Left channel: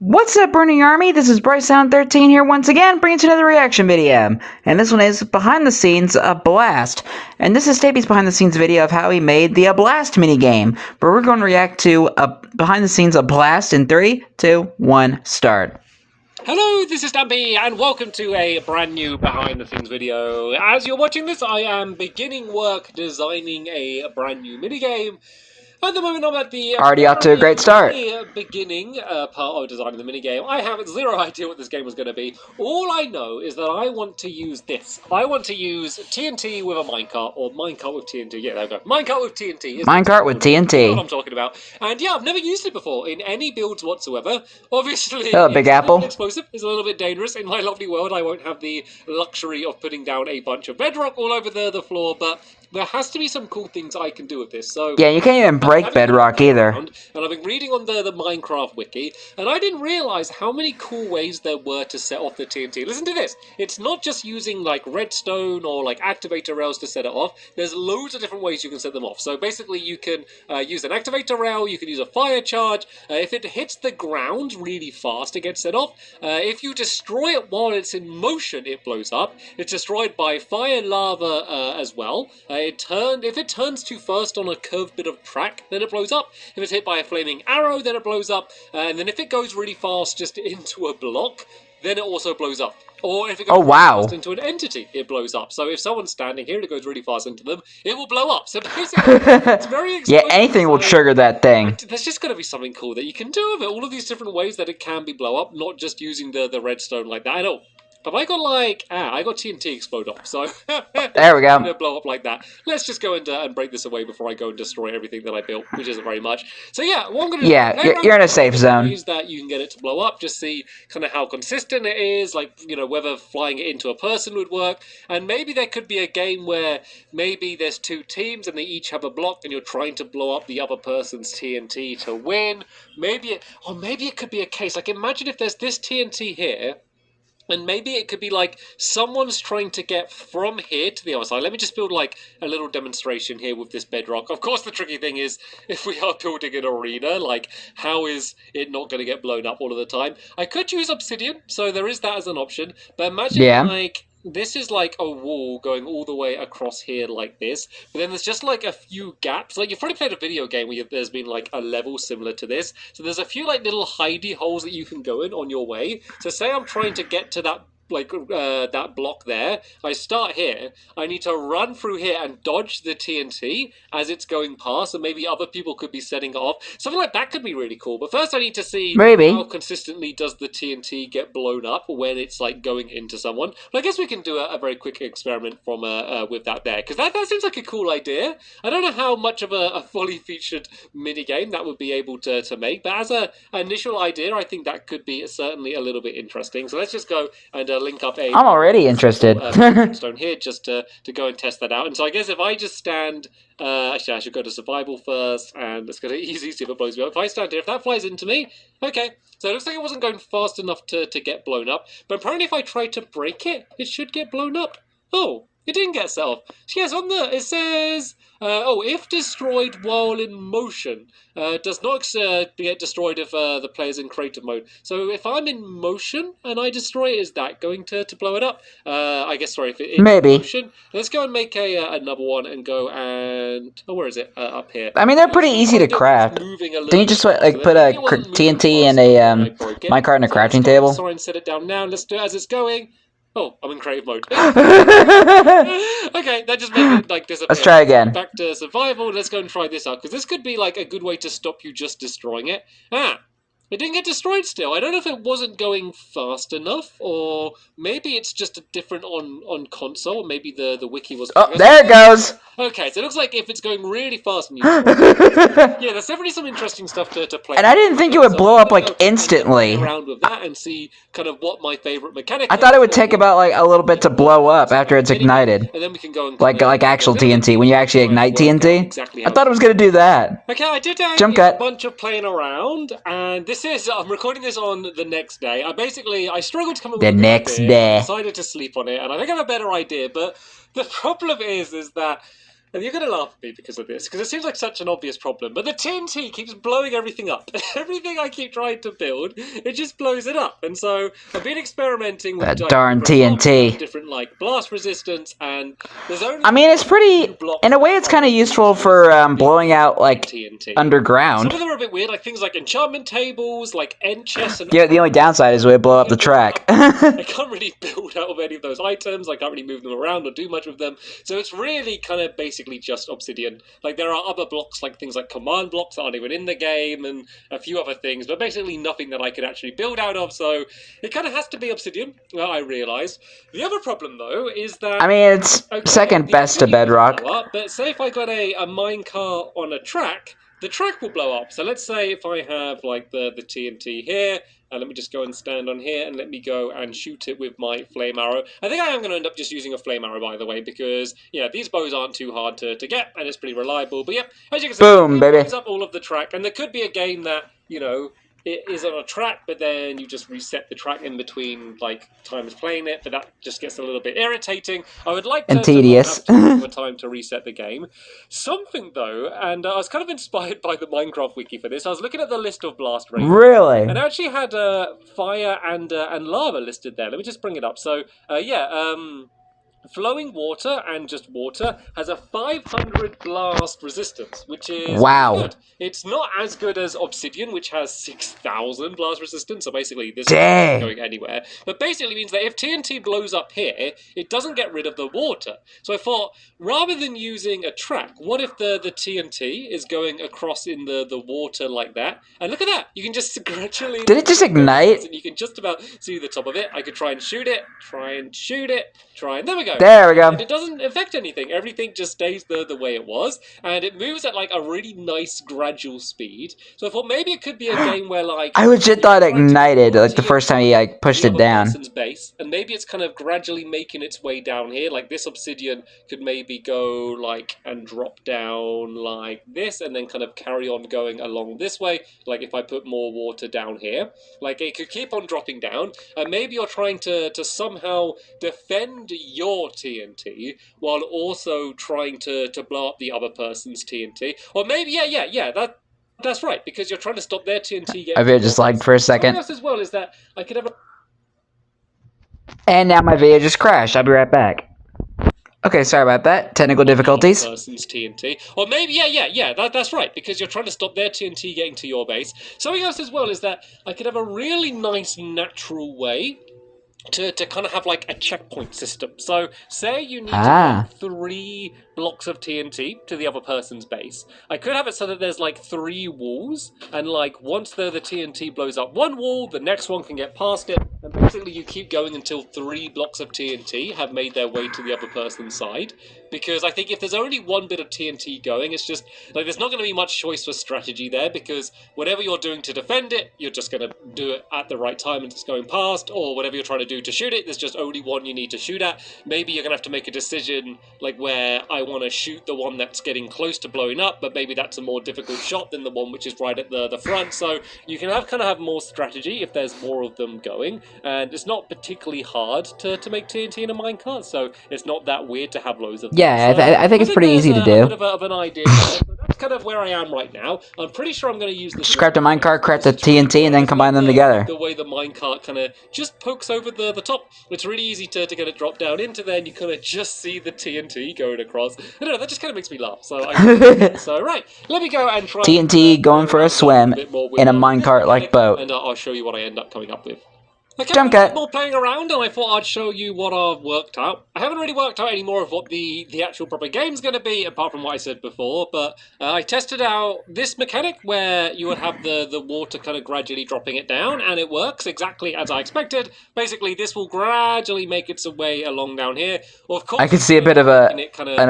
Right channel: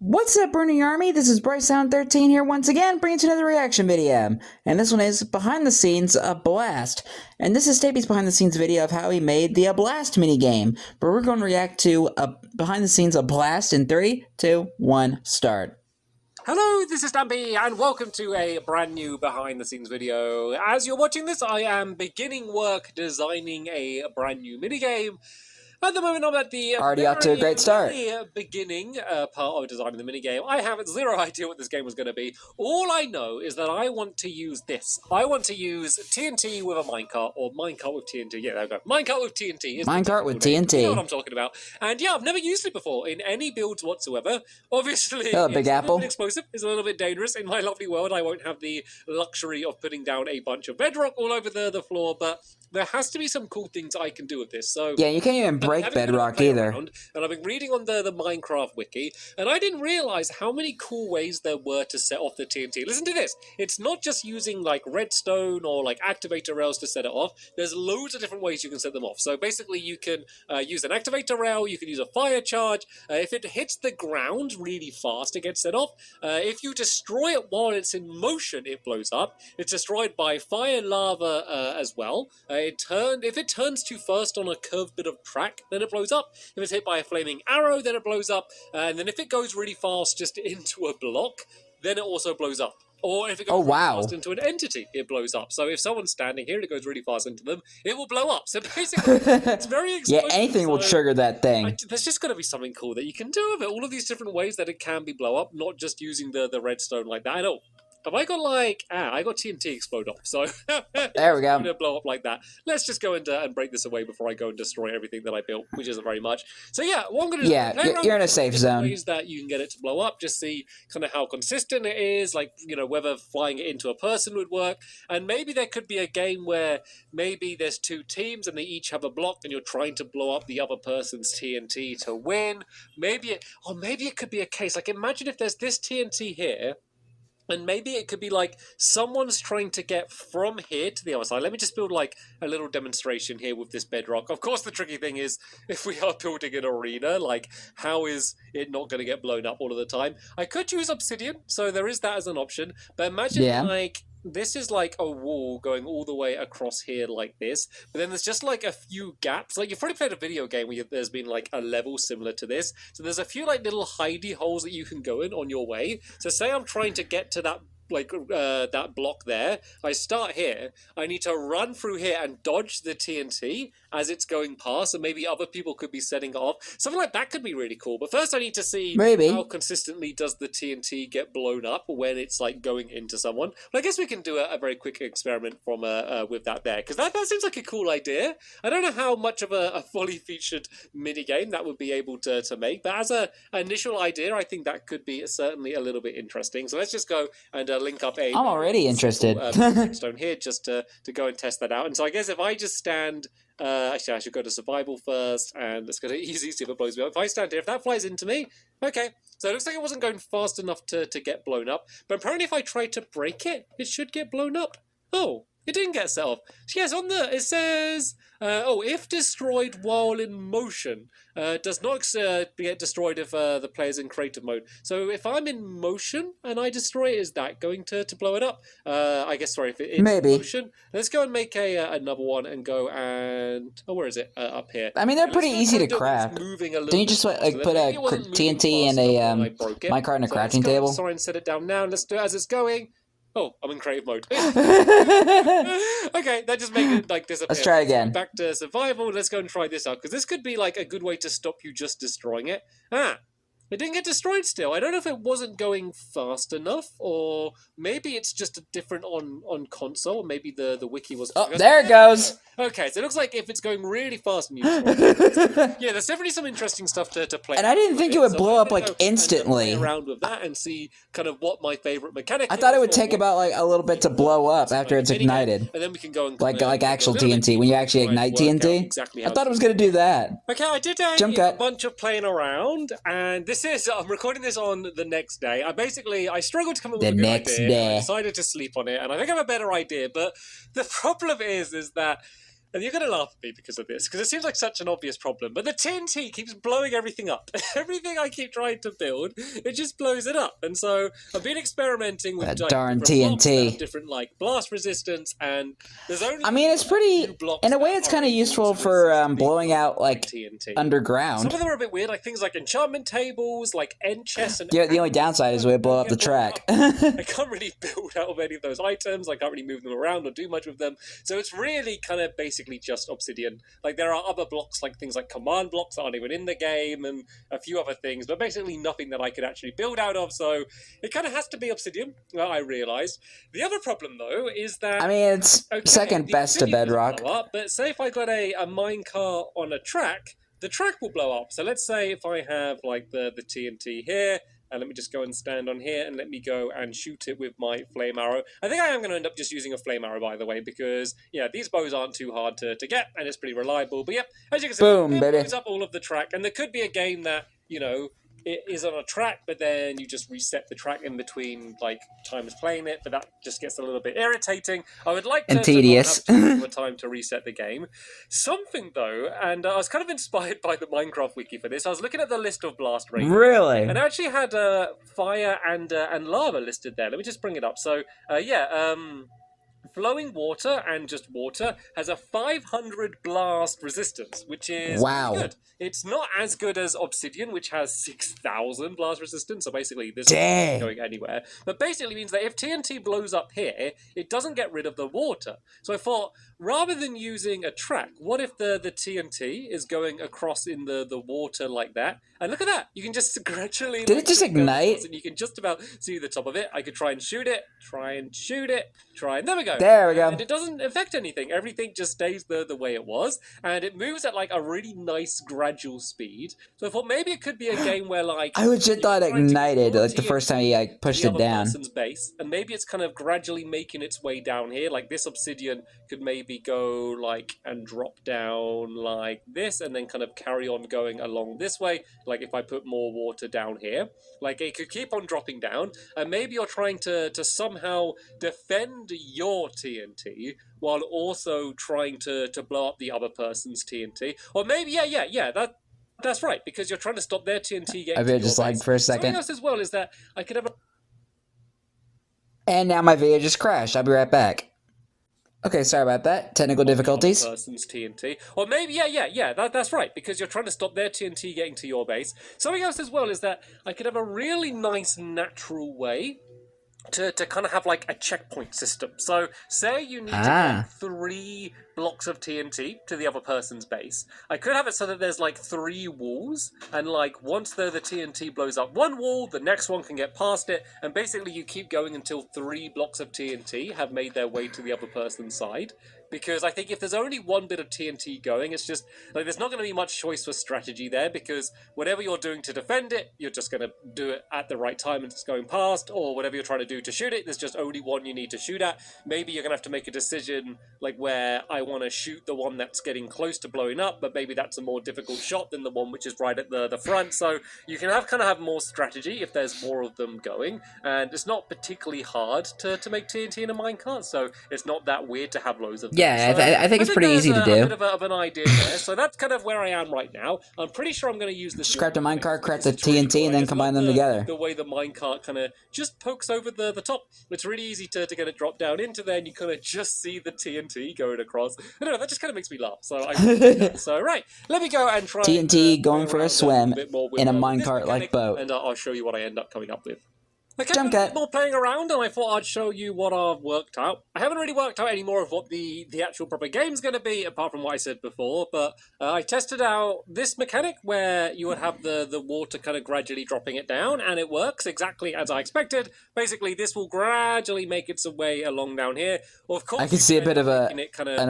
What's up, Burning Army? This is BryceAllen13 here once again, bringing you another reaction video. And this one is behind the scenes a blast. And this is Stampy's behind the scenes video of how he made the blast minigame, where we're going to react to a behind the scenes a blast in 3, 2, 1, start. Hello, this is Stampy, and welcome to a brand new behind-the-scenes video. As you're watching this, I am beginning work designing a brand new minigame. At the moment, I'm at the Already off to a great start. beginning part of designing the minigame. I have zero idea what this game was going to be. All I know is that I want to use this. I want to use TNT with a minecart, or minecart with TNT. Yeah, there we go. Minecart with TNT. Minecart with TNT. You know what I'm talking about. And yeah, I've never used it before in any builds whatsoever. Obviously, Hello, Big Apple. Explosive is a little bit dangerous. In my lovely world, I won't have the luxury of putting down a bunch of bedrock all over the floor, but there has to be some cool things I can do with this. So yeah, you can't even break bedrock either. And I've been reading on the Minecraft wiki, and I didn't realize how many cool ways there were to set off the TNT. Listen to this. It's not just using like redstone or like activator rails to set it off. There's loads of different ways you can set them off. So basically you can use an activator rail, you can use a fire charge. If it hits the ground really fast, it gets set off. If you destroy it while it's in motion, it blows up. It's destroyed by fire, lava as well. If it turns too fast on a curved bit of track, then it blows up. If it's hit by a flaming arrow, then it blows up. And then if it goes really fast just into a block, then it also blows up. Or if it goes really fast into an entity, it blows up. So if someone's standing here and it goes really fast into them, it will blow up. So basically, it's very explosive. Yeah, anything will trigger that thing. There's just got to be something cool that you can do with it. All of these different ways that it can be blow up, not just using the redstone like that. I know. Have I got like... I got TNT explode up, so... There we go. I'm gonna blow up like that. Let's just go and break this away before I go and destroy everything that I built, which isn't very much. So yeah, what I'm gonna do... Yeah, you're in a safe zone. Use that you can get it to blow up, just see kind of how consistent it is, like, you know, whether flying it into a person would work. And maybe there could be a game where maybe there's two teams and they each have a block and you're trying to blow up the other person's TNT to win. Maybe it could be a case, like imagine if there's this TNT here, and maybe it could be like someone's trying to get from here to the other side. Let me just build like a little demonstration here with this bedrock. Of course, the tricky thing is if we are building an arena, like how is it not going to get blown up all of the time? I could use obsidian, so there is that as an option. But imagine like... this is like a wall going all the way across here like this, but then there's just like a few gaps. Like you've probably played a video game where there's been like a level similar to this. So there's a few like little hidey holes that you can go in on your way. So say I'm trying to get to that that block there. I start here. I need to run through here and dodge the TNT as it's going past, and maybe other people could be setting it off. Something like that could be really cool. But first I need to see how consistently does the TNT get blown up when it's like going into someone. But I guess we can do a very quick experiment from with that there, because that seems like a cool idea. I don't know how much of a fully featured minigame that would be able to make, but as an initial idea, I think that could be certainly a little bit interesting. So let's just go and link up I'm already interested. stone here just to go and test that out. And so I guess if I just stand... actually, I should go to survival first, and it's going to easy see if it blows me up. If I stand here, if that flies into me, okay. So it looks like it wasn't going fast enough to get blown up. But apparently if I try to break it, it should get blown up. Oh, it didn't get set off. Yes, on the... it says... if destroyed while in motion, does not get destroyed if the player's in creative mode. So if I'm in motion and I destroy it, is that going to blow it up? I guess, sorry, if it's maybe. In motion. Let's go and make another one and go and... oh, where is it? Up here. I mean, they're pretty easy to craft. Didn't you just like put a TNT and a minecart and a crouching table? Sorry, and set it down now. Let's do it as it's going. Oh, I'm in creative mode. Okay, that just made it like disappear. Let's try again. Back to survival. Let's go and try this out, because this could be like a good way to stop you just destroying it. It didn't get destroyed still. I don't know if it wasn't going fast enough, or maybe it's just a different on console. Maybe the wiki was... oh, there it goes! Okay, so it looks like if it's going really fast and you... yeah, there's definitely some interesting stuff to play. And I didn't think it would blow up like instantly. Around with that and see kind of what my favorite mechanic... I thought it would take about like a little bit to blow up after it's ignited. And then we can go and... like actual TNT, when you actually ignite TNT. Exactly. I thought it was gonna do that. Okay, I did a jump cut. Bunch of playing around, and this is... I'm recording this on the next day. I struggled to come up with the next day. I decided to sleep on it, and I think I have a better idea, but the problem is that and you're going to laugh at me because of this, because it seems like such an obvious problem, but the TNT keeps blowing everything up. Everything I keep trying to build, it just blows it up. And so I've been experimenting with That darn TNT. different like blast resistance, and there's only. I mean, it's pretty. In a way, it's kind of useful for blowing out like TNT. underground. Some of them are a bit weird, like things like enchantment tables, like end chests. And Yeah, the only downside is we blow up the track. I can't really build out of any of those items. I can't really move them around or do much with them. So it's really kind of basically just obsidian. Like there are other blocks, like things like command blocks that aren't even in the game, and a few other things, but basically nothing that I could actually build out of. So it kind of has to be obsidian. I realised. The other problem though is that I mean, it's second best to bedrock. Up, but say if I got a minecart on a track, the track will blow up. So let's say if I have like the TNT here, and let me just go and stand on here, and let me go and shoot it with my flame arrow. I think I am going to end up just using a flame arrow, by the way, because, yeah, these bows aren't too hard to get, and it's pretty reliable. But, yep, as you can see, boom, it baby. blows up all of the track, and there could be a game that, you know, it is on a track, but then you just reset the track in between, like, times playing it, but that just gets a little bit irritating. I would like to tedious. have time to reset the game. Something, though, and I was kind of inspired by the Minecraft wiki for this. I was looking at the list of blast rates. Really? And I actually had fire and lava listed there. Let me just bring it up. So, flowing water and just water has a 500 blast resistance, which is wow. Good. It's not as good as obsidian, which has 6,000 blast resistance. So basically, this Dang. isn't going anywhere. But basically means that if TNT blows up here, it doesn't get rid of the water. So I thought, rather than using a track, what if the TNT is going across in the water like that? And look at that! You can just gradually... Did it just ignite? And you can just about see the top of it. I could try and shoot it, and there we go. There we go. And it doesn't affect anything. Everything just stays the way it was, and it moves at like a really nice gradual speed. So I thought maybe it could be a game where like I legit thought it ignited like the first time he like pushed it down. Base, and maybe it's kind of gradually making its way down here. Like this obsidian could maybe go like and drop down like this, and then kind of carry on going along this way. Like if I put more water down here, like it could keep on dropping down, and maybe you're trying to somehow defend your TNT while also trying to blow up the other person's TNT. Or maybe, yeah, that's right, because you're trying to stop their TNT getting... I video just lagged for a second. Something else as well is that I could have a... And now my video just crashed. I'll be right back. Okay, sorry about that. Technical difficulties. Person's TNT. Or maybe, yeah, that's right, because you're trying to stop their TNT getting to your base. Something else as well is that I could have a really nice natural way to kind of have like a checkpoint system. So say you need to get 3 blocks of TNT to the other person's base. I could have it so that there's like 3 walls, and like once the TNT blows up one wall, the next one can get past it, and basically you keep going until 3 blocks of TNT have made their way to the other person's side. Because I think if there's only one bit of TNT going, it's just, like, there's not going to be much choice for strategy there, because whatever you're doing to defend it, you're just going to do it at the right time and it's going past, or whatever you're trying to do to shoot it, there's just only one you need to shoot at. Maybe you're going to have to make a decision, like, where I want to shoot the one that's getting close to blowing up, but maybe that's a more difficult shot than the one which is right at the front, so you can have more strategy if there's more of them going, and it's not particularly hard to make TNT in a minecart, so it's not that weird to have loads of them. Yeah, I think it's pretty easy to do. A bit of an idea there. So that's kind of where I am right now. I'm pretty sure I'm going to use this. Scrap the minecart, craft the TNT, and then combine them together. The way the minecart kind of just pokes over the top. It's really easy to get it dropped down into there, and you kind of just see the TNT going across. I don't know, that just kind of makes me laugh. So, right, let me go and try TNT going for a swim in a minecart-like boat. And I'll show you what I end up coming up with. Okay, Jump cut. More playing around, and I thought I'd show you what I've worked out. I haven't really worked out any more of what the actual proper game's going to be, apart from what I said before, but I tested out this mechanic where you would have the water kind of gradually dropping it down, and it works exactly as I expected. Basically, this will gradually make its way along down here. Well, of course, I can see a bit of an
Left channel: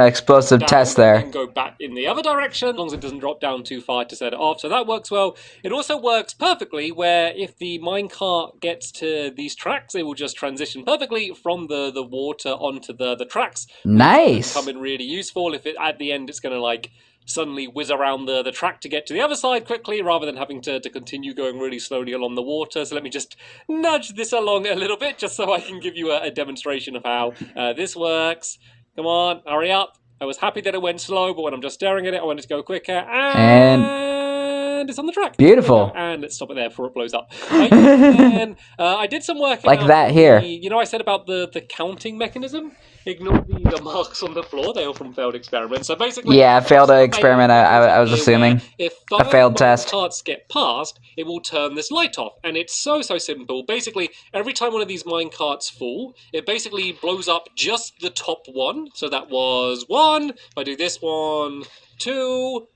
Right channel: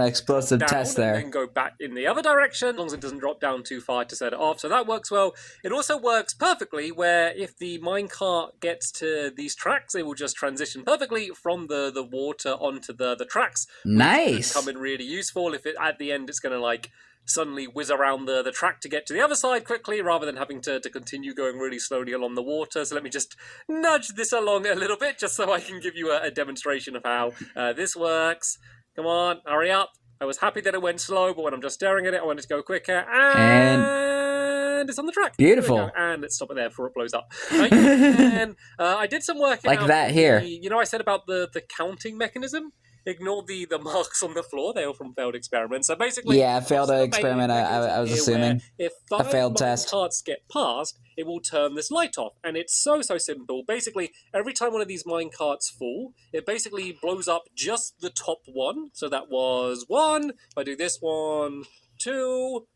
explosive test there. And go back in the other direction, as long as it doesn't drop down too far to set it off, so that works well. It also works perfectly where if the minecart gets to these tracks, they will just transition perfectly from the water onto the tracks. Nice. Come in really useful if at the end it's going to like suddenly whiz around the track to get to the other side quickly, rather than having to continue going really slowly along the water. So let me just nudge this along a little bit, just so I can give you a demonstration of how this works. Come on, hurry up. I was happy that it went slow, but when I'm just staring at it, I wanted to go quicker. And it's on the track. Beautiful. And let's stop it there before it blows up. And I did some work Like out that here. You know, I said about the counting mechanism. Ignore the marks on the floor. They are from failed experiments. So basically, Yeah, failed experiment. I was assuming if a failed test. Carts get passed, it will turn this light off, and it's so simple. Basically, every time one of these mine carts fall, it basically blows up just the top one. So that was 1. If I do this 1, 2,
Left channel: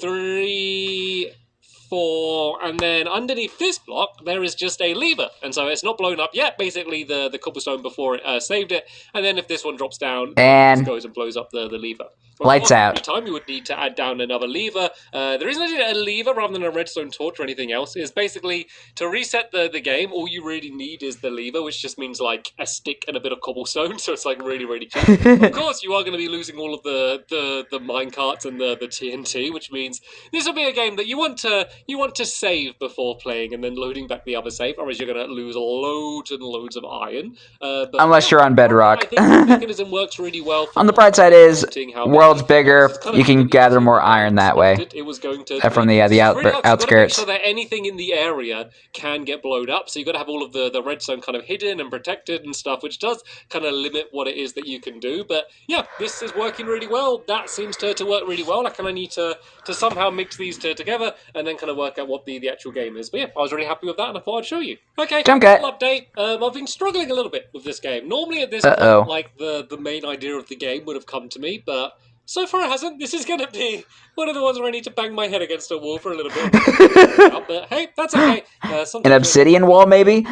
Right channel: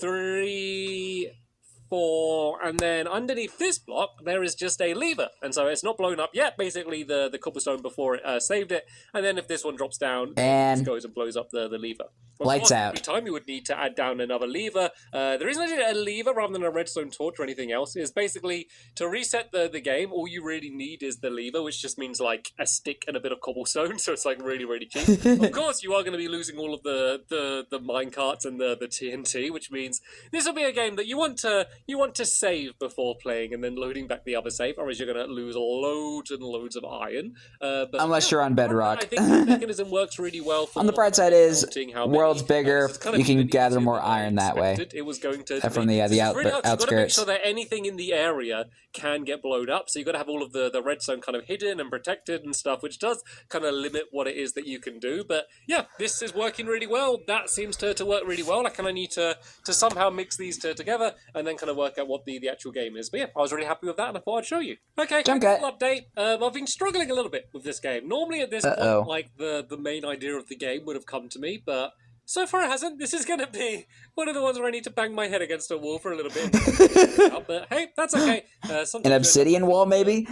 3, 4, and then underneath this block there is just a lever, and so it's not blown up yet. Basically, the cobblestone before it saved it, and then if this one drops down, and it goes and blows up the lever. Lights out. Every time you would need to add down another lever. The reason I did a lever rather than a redstone torch or anything else is basically to reset the game. All you really need is the lever, which just means like a stick and a bit of cobblestone, so it's like really cheap. Of course, you are going to be losing all of the mine carts and the TNT, which means this will be a game that you want to save before playing and then loading back the other save, otherwise you're going to lose loads and loads of iron. But unless you're on bedrock. I think the mechanism works really well. On the bright side is, world's bigger, you can gather more iron that way. It was going to from the outskirts. So that anything in the area can get blown up. So you've got to have all of the redstone kind of hidden and protected and stuff, which does kind of limit what it is that you can do. But yeah, this is working really well. That seems to work really well. I kind of need to somehow mix these two together and then kind of work out what the actual game is. But yeah, I was really happy with that, and I thought I'd show you. Okay, little update. I've been struggling a little bit with this game. Normally at this point, like the main idea of the game would have come to me, but so far it hasn't. This is going to be one of the ones where I need to bang my head against a wall for a little bit. But hey, that's okay. An obsidian wall, maybe?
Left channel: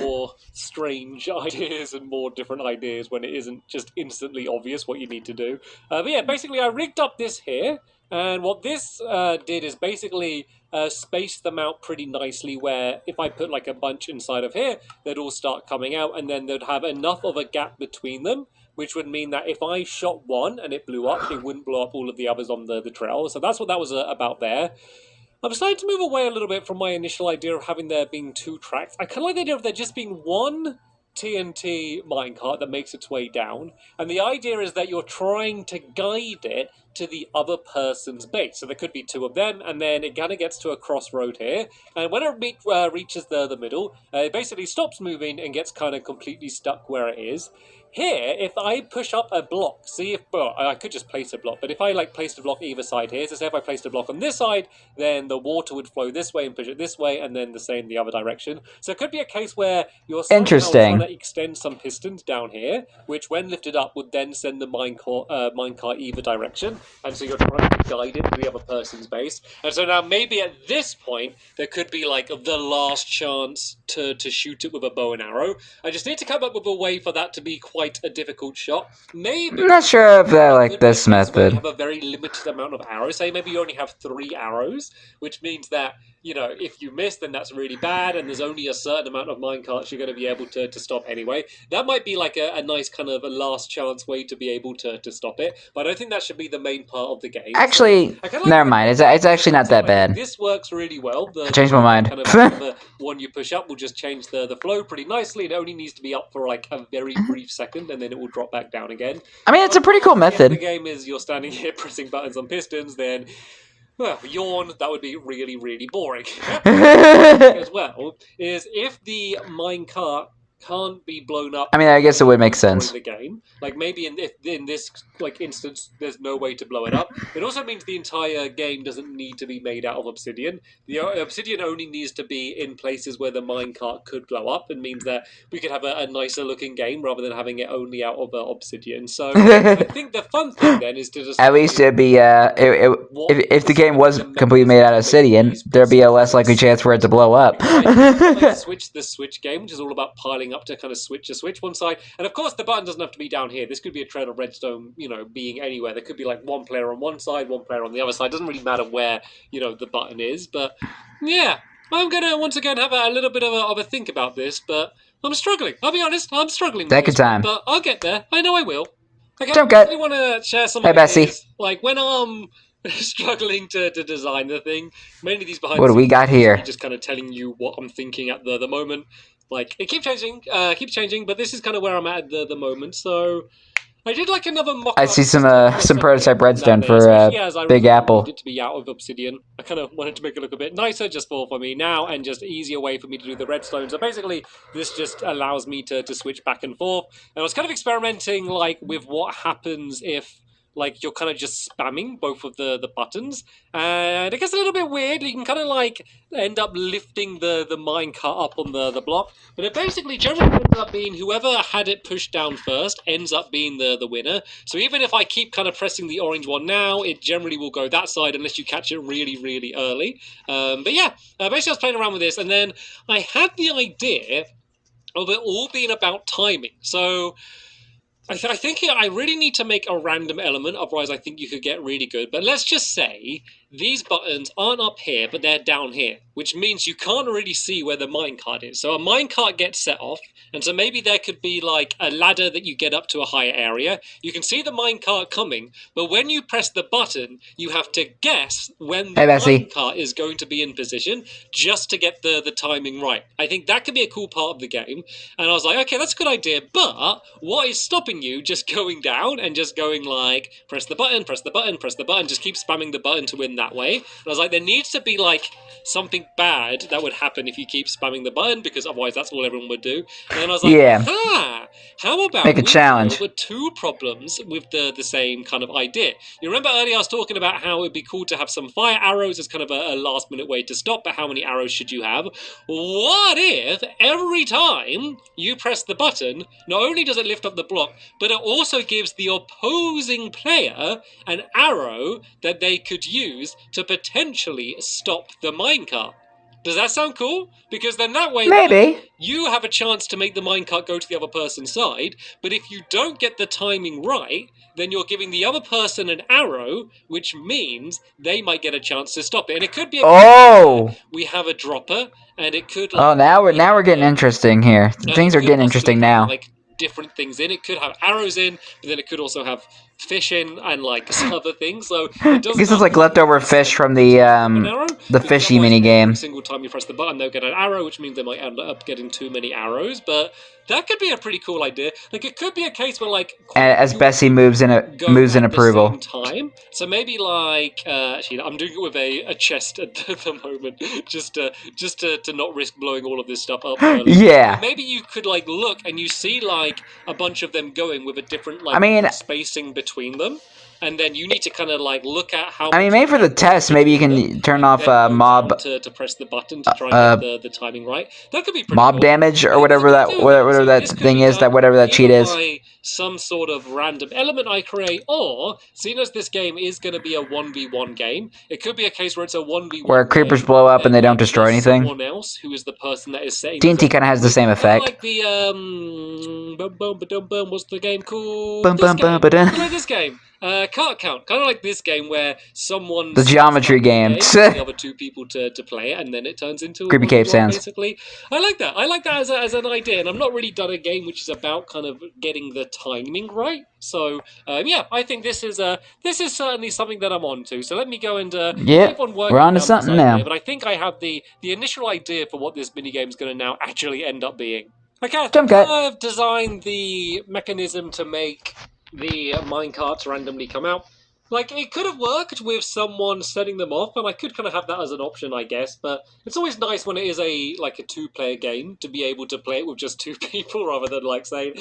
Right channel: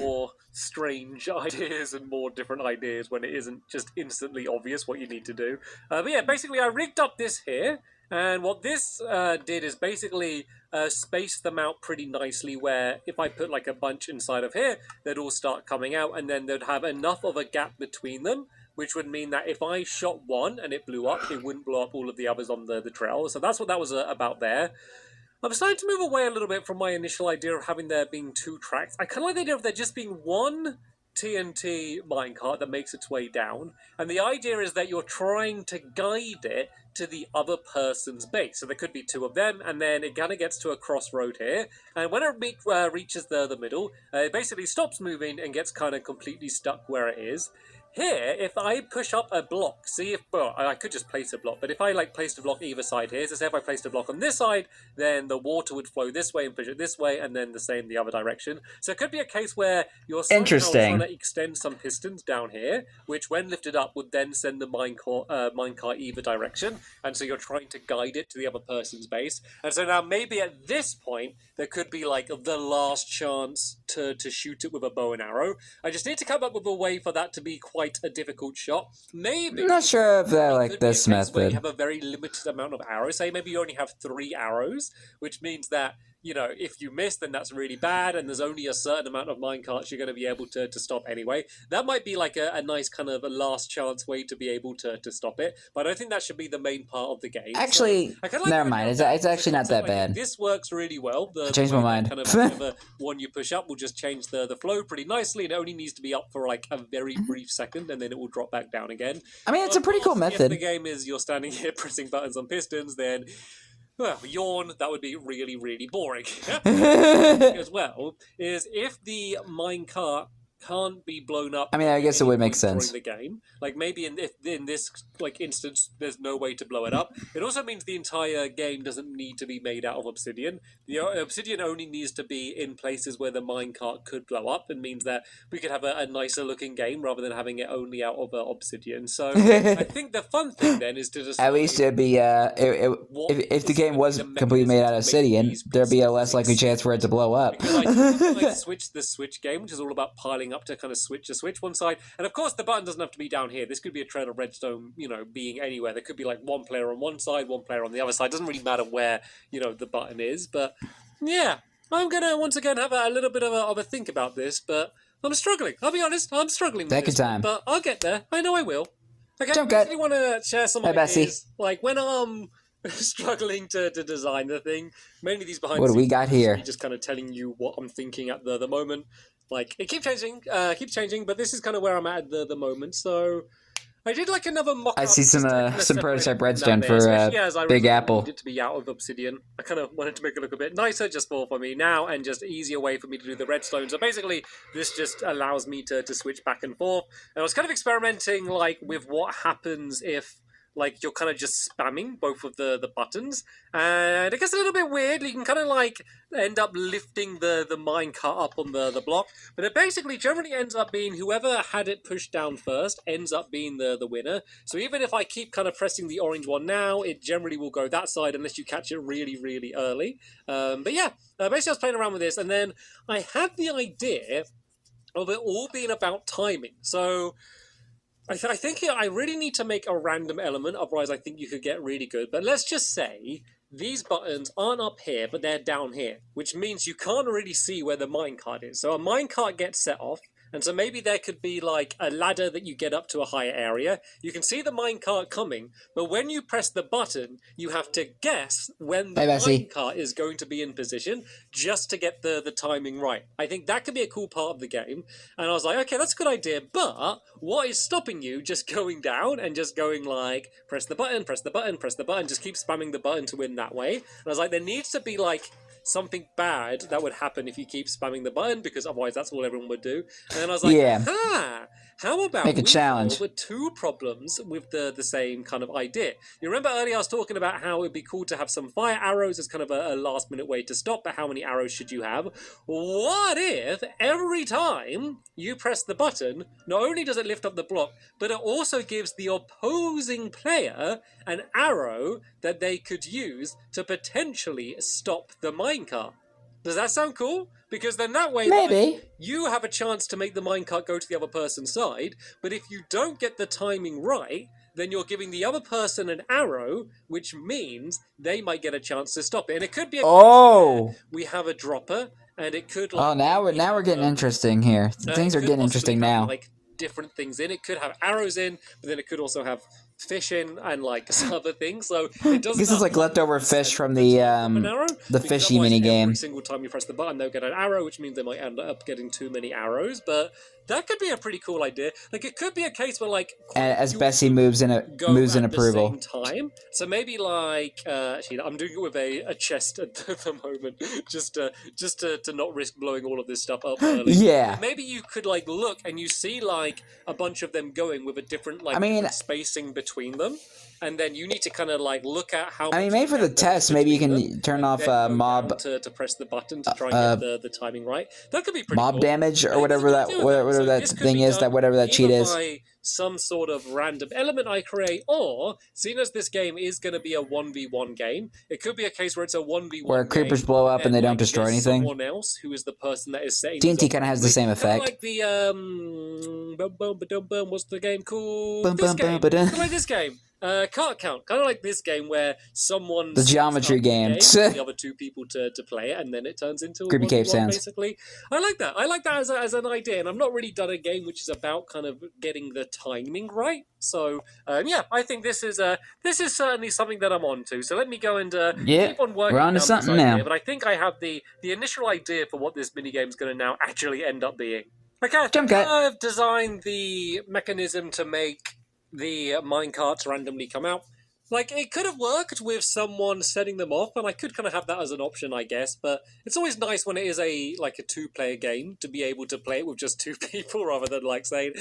More strange ideas and more different ideas when it isn't just instantly obvious what you need to do. But yeah, basically I rigged up this here, and what this did is basically space them out pretty nicely, where if I put like a bunch inside of here, they'd all start coming out, and then they'd have enough of a gap between them, which would mean that if I shot one and it blew up, it wouldn't blow up all of the others on the trail. So that's what that was about there. I'm starting to move away a little bit from my initial idea of having there being 2 tracks. I kind of like the idea of there just being one TNT minecart that makes its way down, and the idea is that you're trying to guide it to the other person's base. So there could be 2 of them, and then it kind of gets to a crossroad here, and when it reaches the middle, it basically stops moving and gets kind of completely stuck where it is. Here, if I push up a block, see if, well, I could just place a block, but if I like placed a block either side here, so say if I placed a block on this side, then the water would flow this way and push it this way, and then the same the other direction. So it could be a case where you're trying to extend some pistons down here, which when lifted up would then send the minecart either direction, and so you're trying to guide it to the other person's base. And so now maybe at this point, there could be like the last chance to shoot it with a bow and arrow. I just need to come up with a way for that to be quite a difficult shot. Maybe. I'm not sure if I like this method. You have a very limited amount of arrows. Say maybe you only have 3 arrows, which means that, you know, if you miss, then that's really bad, and there's only a certain amount of minecarts you're going to be able to stop anyway. That might be like a nice kind of a last chance way to be able to stop it, but I don't think that should be the main part of the game. Actually, so never mind. It's actually not that bad. This works really well. I changed my mind. Kind of one you push up will just change the flow pretty nicely. It only needs to be up for like a very brief second, and then it will drop back down again. I mean, it's a pretty cool method. If the game is you're standing here pressing buttons on pistons, then, well, yawn, that would be really boring. As well, is if the minecart can't be blown up. I mean, I guess it would make sense. The game, like maybe in this like instance, there's no way to blow it up. It also means the entire game doesn't need to be made out of obsidian. The obsidian only needs to be in places where the minecart could blow up, and means that we could have a nicer looking game rather than having it only out of obsidian. So I think the fun thing then is to just at least it'd be if the game was completely made out of obsidian, there'd be a less likely chance for it to blow up. Switch the switch game, which is all about piling up to kind of switch one side, and of course the button doesn't have to be down here. This could be a trail of redstone, you know, being anywhere. There could be like one player on one side, one player on the other side. It doesn't really matter where, you know, the button is. But yeah, I'm gonna once again have a little bit of a think about this, but I'm struggling. I'll be honest, I'm struggling. Take your time, but I'll get there. I know I will. Okay, don't get. I want to share some. Hey, Bessie. Like when I'm struggling to design the thing, mainly these behind. What do we got here? Just kind of telling you what I'm thinking at the moment. Like, it keeps changing, but this is kind of where I'm at the moment, so I did like another mock-up. I see some prototype redstone for Big Apple. It to be out of obsidian. I kind of wanted to make it look a bit nicer just for me now, and just easier way for me to do the redstone. So basically, this just allows me to switch back and forth. And I was kind of experimenting like with what happens if like you're kind of just spamming both of the buttons, and it gets a little bit weird. You can kind of like end up lifting the minecart up on the block, but it basically generally ends up being whoever had it pushed down first ends up being the winner. So even if I keep kind of pressing the orange one now, it generally will go that side unless you catch it really early. But yeah, basically I was playing around with this, and then I had the idea of it all being about timing. So I think I really need to make a random element, otherwise I think you could get really good. But let's just say these buttons aren't up here, but they're down here, which means you can't really see where the minecart is. So a minecart gets set off, and so maybe there could be like a ladder that you get up to a higher area. You can see the minecart coming, but when you press the button, you have to guess when the minecart is going to be in position just to get the timing right. I think that could be a cool part of the game. And I was like, okay, that's a good idea, but what is stopping you just going down and just going like, press the button, press the button, press the button, just keep spamming the button to win that way. And I was like, there needs to be like something bad that would happen if you keep spamming the button, because otherwise that's all everyone would do. And I was like, how about make a challenge with two problems with the same kind of idea? You remember earlier I was talking about how it'd be cool to have some fire arrows as kind of a last minute way to stop, but how many arrows should you have? What if every time you press the button, not only does it lift up the block, but it also gives the opposing player an arrow that they could use to potentially stop the minecart? Does that sound cool? Because then that way, maybe you have a chance to make the minecart go to the other person's side, but if you don't get the timing right, then you're giving the other person an arrow, which means they might get a chance to stop it. And it could be we have a dropper, and it could like, now we're getting interesting here. Things are getting interesting now. Like different things in it. Could have arrows in, but then it could also have fish in and like some other things. So it doesn't. This is like leftover fish from the fishy mini game. Every single time you press the button, they'll get an arrow, which means they might end up getting too many arrows. But that could be a pretty cool idea. Like it could be a case where like as Bessie moves in approval. Time. So maybe like actually, I'm doing it with a chest at the moment, just to not risk blowing all of this stuff up. Yeah. But maybe you could like look and you see like a bunch of them going with a different like spacing between them. And then you need to kind of like look at how. Maybe for the test, maybe you can turn off mob to press the button to try and get the timing right. That could be mob cool. Damage or whatever that thing is, whatever that cheat is. Some sort of random element I create, or seeing as this game is going to be a 1v1 game, it could be a case where it's a 1v1 where creepers blow up and they don't destroy anything. Someone else who is the person that is setting. TNT kind of has the same effect. Like the what's the game called? This game. Cart count, kind of like this game where someone the geometry game the other two people to play it, and then it turns into creepy cave sounds. Basically, I like that as an idea, and I've not really done a game which is about kind of getting the timing right. So yeah, I think this is certainly something that I'm on to. So let me go and keep on working. We're on to something now. But I think I have the initial idea for what this minigame is going to now actually end up being. Okay, I've designed the mechanism to make the minecarts randomly come out. Like, it could have worked with someone setting them off, and I could kind of have that as an option, I guess, but it's always nice when it is a two-player game to be able to play it with just two people rather than, like, saying,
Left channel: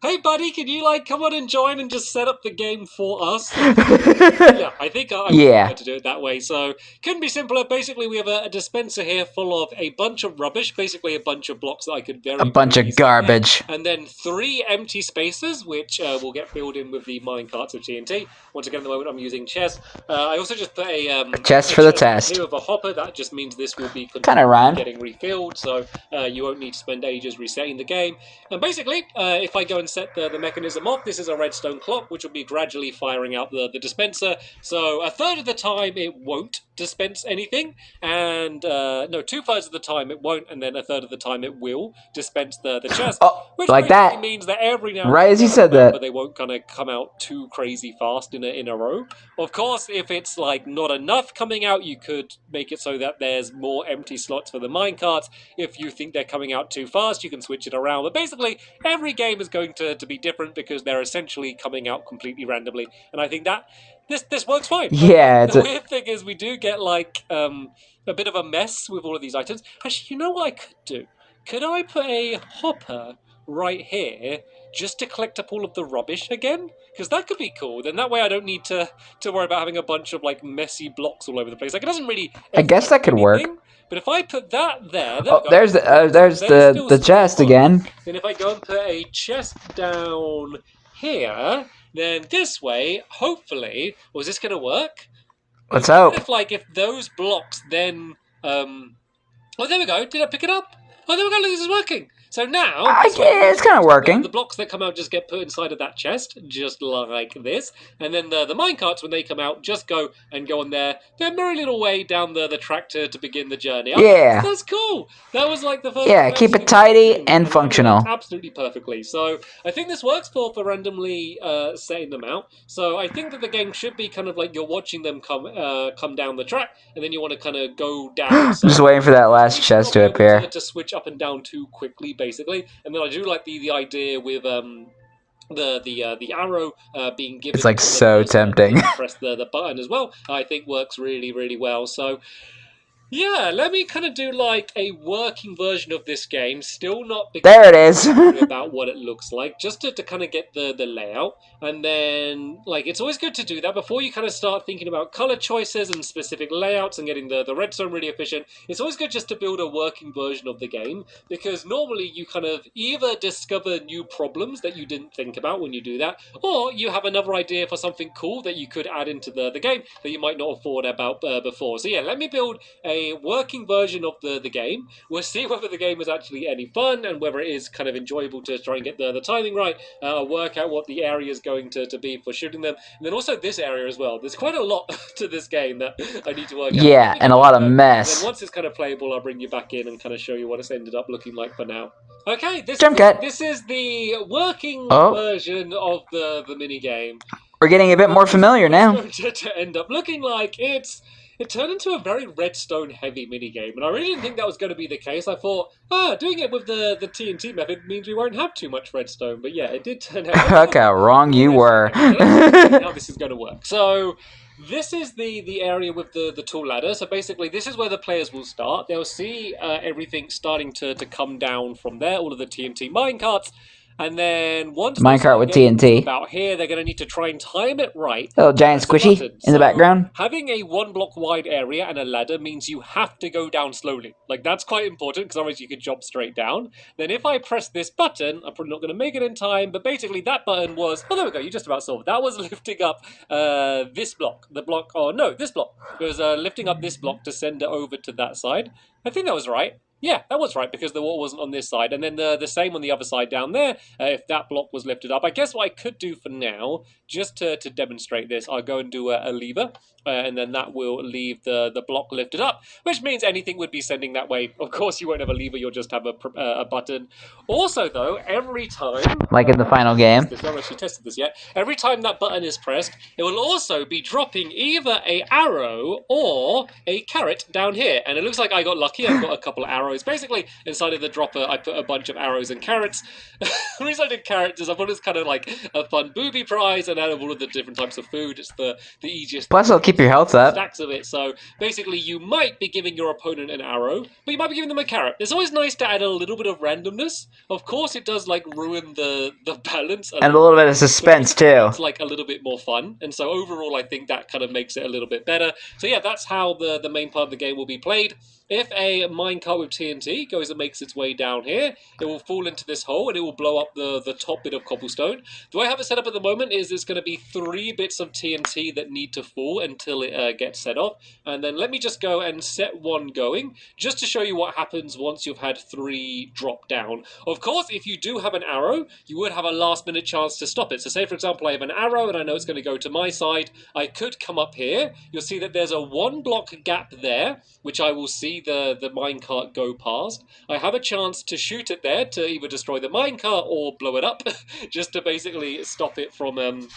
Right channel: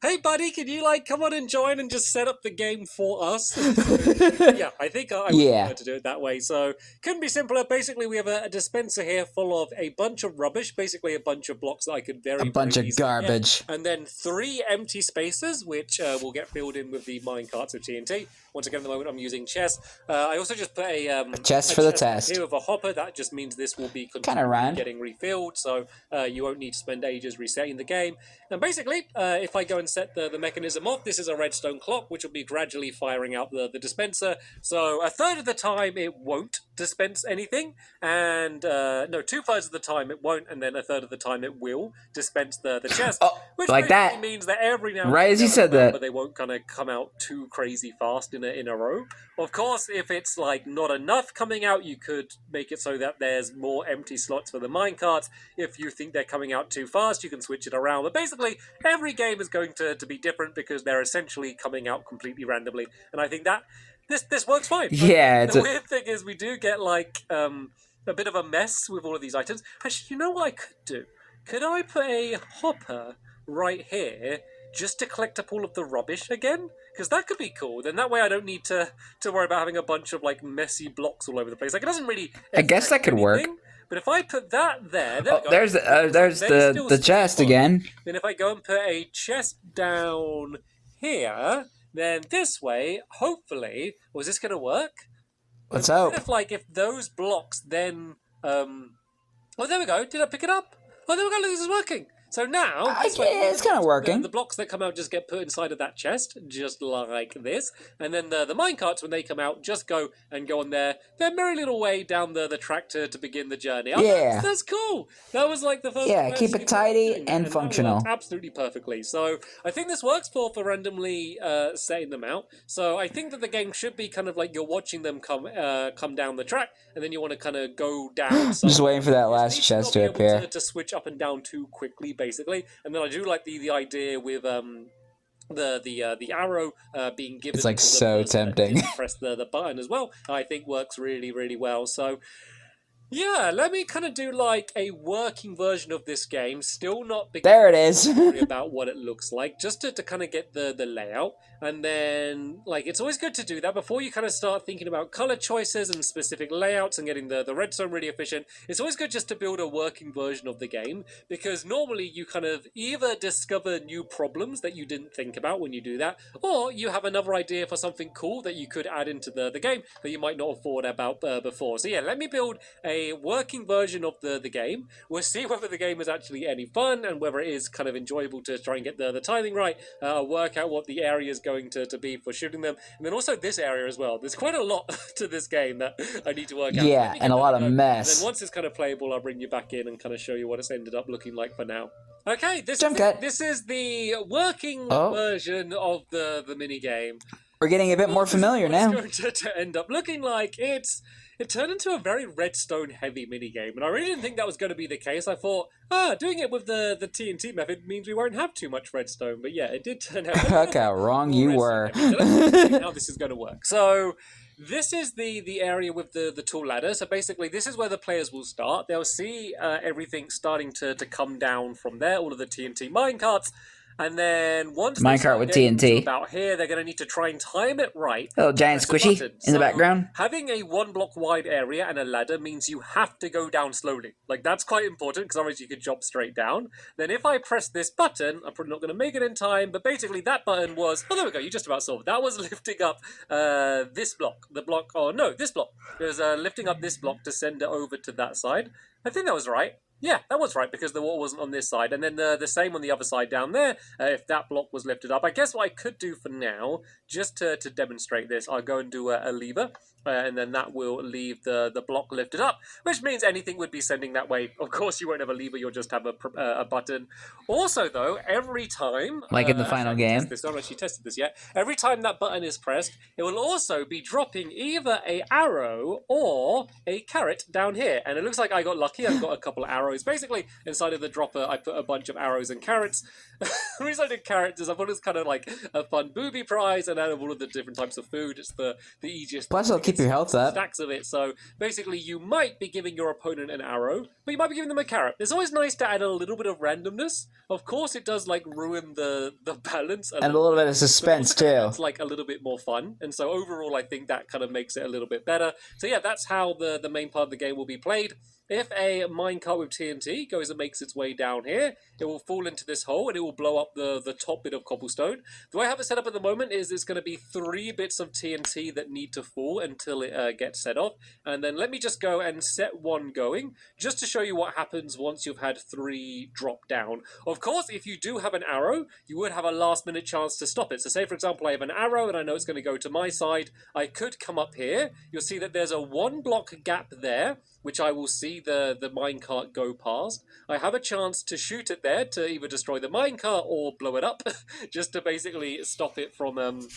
hey, buddy, can you, like, come on and join and just set up the game for us? Yeah, I think I would to do it that way, so couldn't be simpler. Basically, we have a dispenser here full of a bunch of rubbish, basically a bunch of blocks that I could very bunch of garbage. And then 3 empty spaces, which will get filled in with the minecarts of TNT. Once again, at the moment, I'm using chest. I also just put a chest for the test. Here with a hopper. That just means this will be kind of rhymed. Getting refilled, so you won't need to spend ages resetting the game. And basically, if I go and set the mechanism off, this is a redstone clock, which will be gradually firing out the dispenser. So a third of the time it won't dispense anything, and no, 2/3 of the time it won't, and then a third of the time it will dispense the chest. Which like that means that every now and right as you said that, but they won't kind of come out too crazy fast in a row. Of course, if it's like not enough coming out, you could make it so that there's more empty slots for the minecarts. If you think they're coming out too fast, you can switch it around. But basically, every game is going to be different because they're essentially coming out completely randomly. And I think that this works fine. Yeah, the weird thing is we do get like a bit of a mess with all of these items. Actually, you know what I could do? Could I put a hopper right here just to collect up all of the rubbish again? Because that could be cool. Then that way I don't need to worry about having a bunch of like messy blocks all over the place. Like it doesn't really. I guess that could work. But if I put that there, oh, there's the chest again. Then if I go and put a chest down here, then this way, hopefully, was this going to work? Let's hope. If those blocks then, oh, there we go. Did I pick it up? Oh, there we go. Look, this is working. So now, it's kind of working. The blocks that come out just get put inside of that chest, just like this. And then the minecarts, when they come out, just go on their merry little way down the track to begin the journey. Yeah. That's cool. That was like the first. Yeah, keep it tidy and functional. Absolutely perfectly. So I think this works for randomly setting them out. So I think that the game should be kind of like you're watching them come down the track, and then you want to kind of go down. So just waiting for that last chest to appear. To switch up and down too quickly, basically. And then I do like the idea with the arrow being given. It's like so tempting. Press the button as well. I think works really, really well. So yeah, let me kind of do like a working version of this game. Still not there it is. about what it looks like, just to kind of get the layout. And then like it's always good to do that before you kind of start thinking about color choices and specific layouts and getting the redstone really efficient. It's always good just to build a working version of the game, because normally you kind of either discover new problems that you didn't think about when you do that, or you have another idea for something cool that you could add into the game that you might not have thought about before. So yeah, let me build a working version of the game. We'll see whether the game is actually any fun and whether it is kind of enjoyable to try and get the timing right, work out what the area is going to be for shooting them, and then also this area as well. There's quite a lot to this game that I need to work out. Yeah, and a lot of mess. And then once it's kind of playable, I'll bring you back in and kind of show you what it's ended up looking like for now. Okay, this is the working version of the mini game. We're getting a bit more familiar now. It's going to end up looking like it turned into a very redstone heavy minigame, and I really didn't think that was going to be the case. I thought, doing it with the TNT method means we won't have too much redstone, but yeah, it did turn out. Look how wrong you were. How this is going to work. So this is the area with the tool ladder. So basically this is where the players will start. They'll see everything starting to come down from there, all of the TNT minecarts. And then once minecart with TNT about here, they're going to need to try and time it right. Little giant squishy in the background. Having a 1 block wide area and a ladder means you have to go down slowly. Like that's quite important, because otherwise you could jump straight down. Then if I press this button, I'm probably not going to make it in time, but basically that button was, there we go, you just about saw it. That was lifting up this block. This block. It was lifting up this block to send it over to that side. I think that was right. Yeah, that was right, because the wall wasn't on this side. And then the same on the other side down there, if that block was lifted up. I guess what I could do for now, just to demonstrate this, I'll go and do a lever. And then that will leave the block lifted up, which means anything would be sending that way. Of course, you won't have a lever, you'll just have a button. Also, though, every time... like in the final game. I haven't actually tested this yet. Every time that button is pressed, it will also be dropping either a arrow or a carrot down here. And it looks like I got lucky. I got a couple of arrows. Basically, inside of the dropper, I put a bunch of arrows and carrots. The reason I did carrots is I thought it was kind of like a fun booby prize, and out of all of the different types of food, it's the easiest. Plus, it'll keep your health up. Stacks of it. So basically, you might be giving your opponent an arrow, but you might be giving them a carrot. It's always nice to add a little bit of randomness. Of course, it does like ruin the balance and a little bit of suspense too. It's like a little bit more fun, and so overall, I think that kind of makes it a little bit better. So yeah, that's how the main part of the game will be played. If a minecart with TNT goes and makes its way down here, it will fall into this hole and it will blow up the top bit of cobblestone. The way I have it set up at the moment is there's going to be 3 bits of TNT that need to fall until it gets set off. And then let me just go and set 1 going, just to show you what happens once you've had 3 drop down. Of course, if you do have an arrow, you would have a last minute chance to stop it. So say, for example, I have an arrow and I know it's going to go to my side. I could come up here. You'll see that there's a 1 block gap there, which I will see the minecart go past. I have a chance to shoot it there to either destroy the minecart or blow it up, just to basically stop it from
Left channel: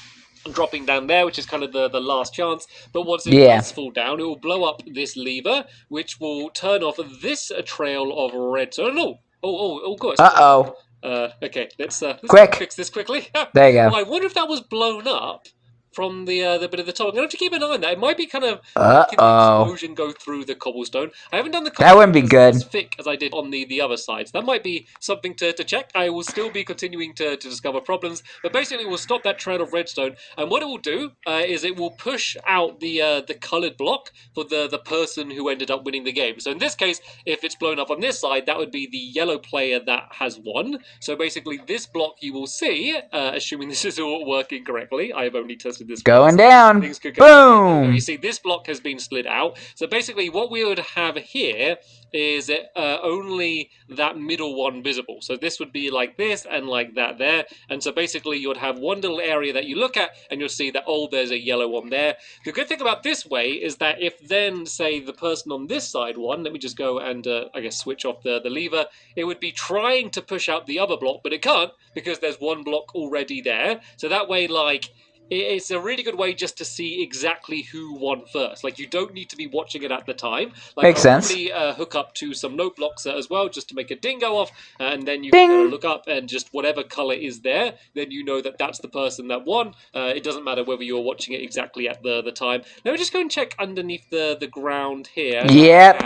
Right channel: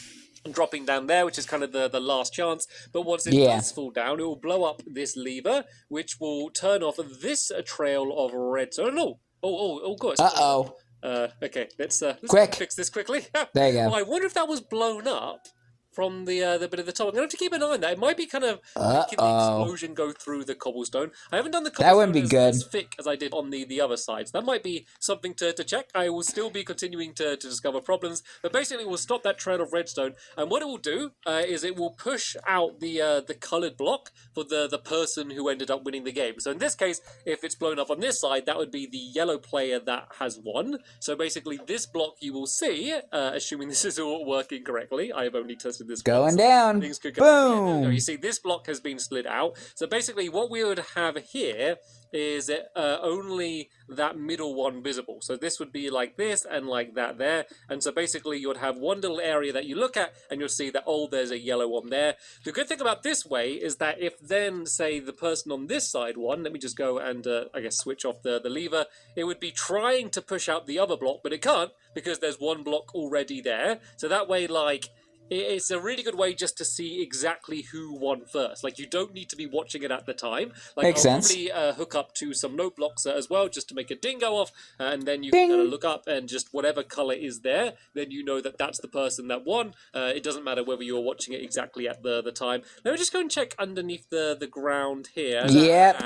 dropping down there, which is kind of the last chance. But once it does fall down, it will blow up this lever, which will turn off this trail of redstone. Oh, gosh. Uh-oh. Okay, let's Quick. fix this quickly. There you go. Well, I wonder if that was blown up from the bit of the top. I'm going to have to keep an eye on that. It might be kind of making the explosion go through the cobblestone. I haven't done the cobblestone That wouldn't be good. as thick as I did on the other side. So that might be something to check. I will still be continuing to discover problems, but basically we'll stop that trail of redstone. And what it will do is it will push out the coloured block for the person who ended up winning the game. So in this case, if it's blown up on this side, that would be the yellow player that has won. So basically this block you will see, assuming this is all working correctly, I have only tested this Going once. down. Things could go Boom. you see this block has been slid out. So basically what we would have here is only that middle one visible. So this would be like this and like that there. And so basically you would have one little area that you look at and you'll see that, oh, there's a yellow one there. The good thing about this way is that if then, say, the person on this side won, let me just go and, I guess, switch off the lever, it would be trying to push out the other block, but it can't because there's one block already there. So that way, like, it's a really good way just to see exactly who won first. Like, you don't need to be watching it at the time. Like, Makes sense. Probably hook up to some note blocks as well, just to make a ding go off, and then you Ding. look up and just whatever color is there, then you know that that's the person that won. It doesn't matter whether you're watching it exactly at the time. Let me just go and check underneath the ground here. Yep.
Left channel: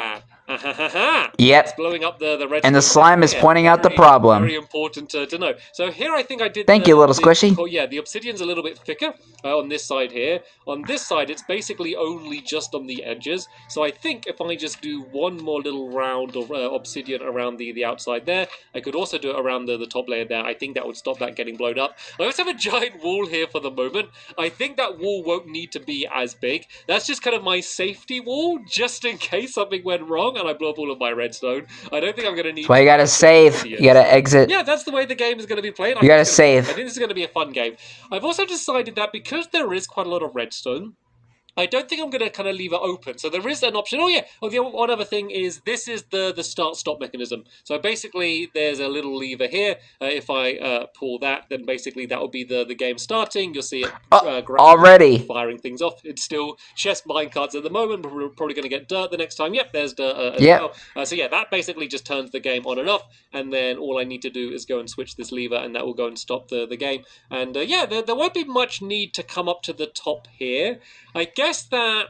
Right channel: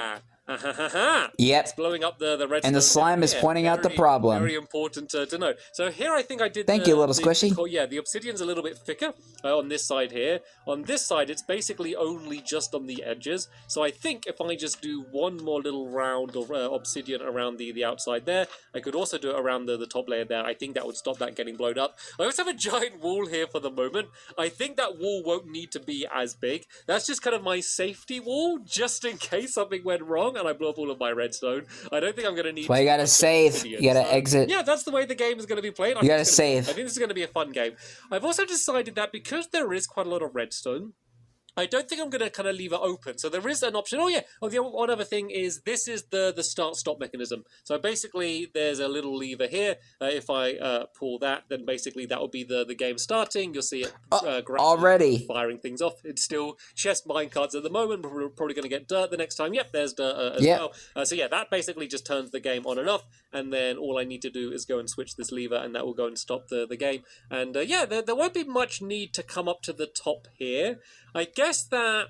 Yep. It's blowing up the red. And the slime is pointing out the problem. Very important to know. So here I think I did. Thank you, little squishy. Yeah, the obsidian's a little bit thicker on this side here. On this side, it's basically only just on the edges. So I think if I just do one more little round of obsidian around the outside there, I could also do it around the top layer there. I think that would stop that getting blown up. I also have a giant wall here for the moment. I think that wall won't need to be as big. That's just kind of my safety wall, just in case something went wrong and I blow up all of my redstone. I don't think I'm going to need... Well, you gotta save. You gotta exit. Yeah, that's the way the game is going to be played. You gotta save. I think this is going to be a fun game. I've also decided that because there is quite a lot of redstone, I don't think I'm going to kind of leave it open. So there is an option. Oh, yeah. Well, the one other thing is this is the start-stop mechanism. So basically, there's a little lever here. If I pull that, then basically that will be the game starting. You'll see it already firing things off. It's still chest minecarts at the moment, but we're probably going to get dirt the next time. Yep, there's dirt as well. So yeah, that basically just turns the game on and off. And then all I need to do is go and switch this lever, and that will go and stop the game. And yeah, there won't be much need to come up to the top here. I guess that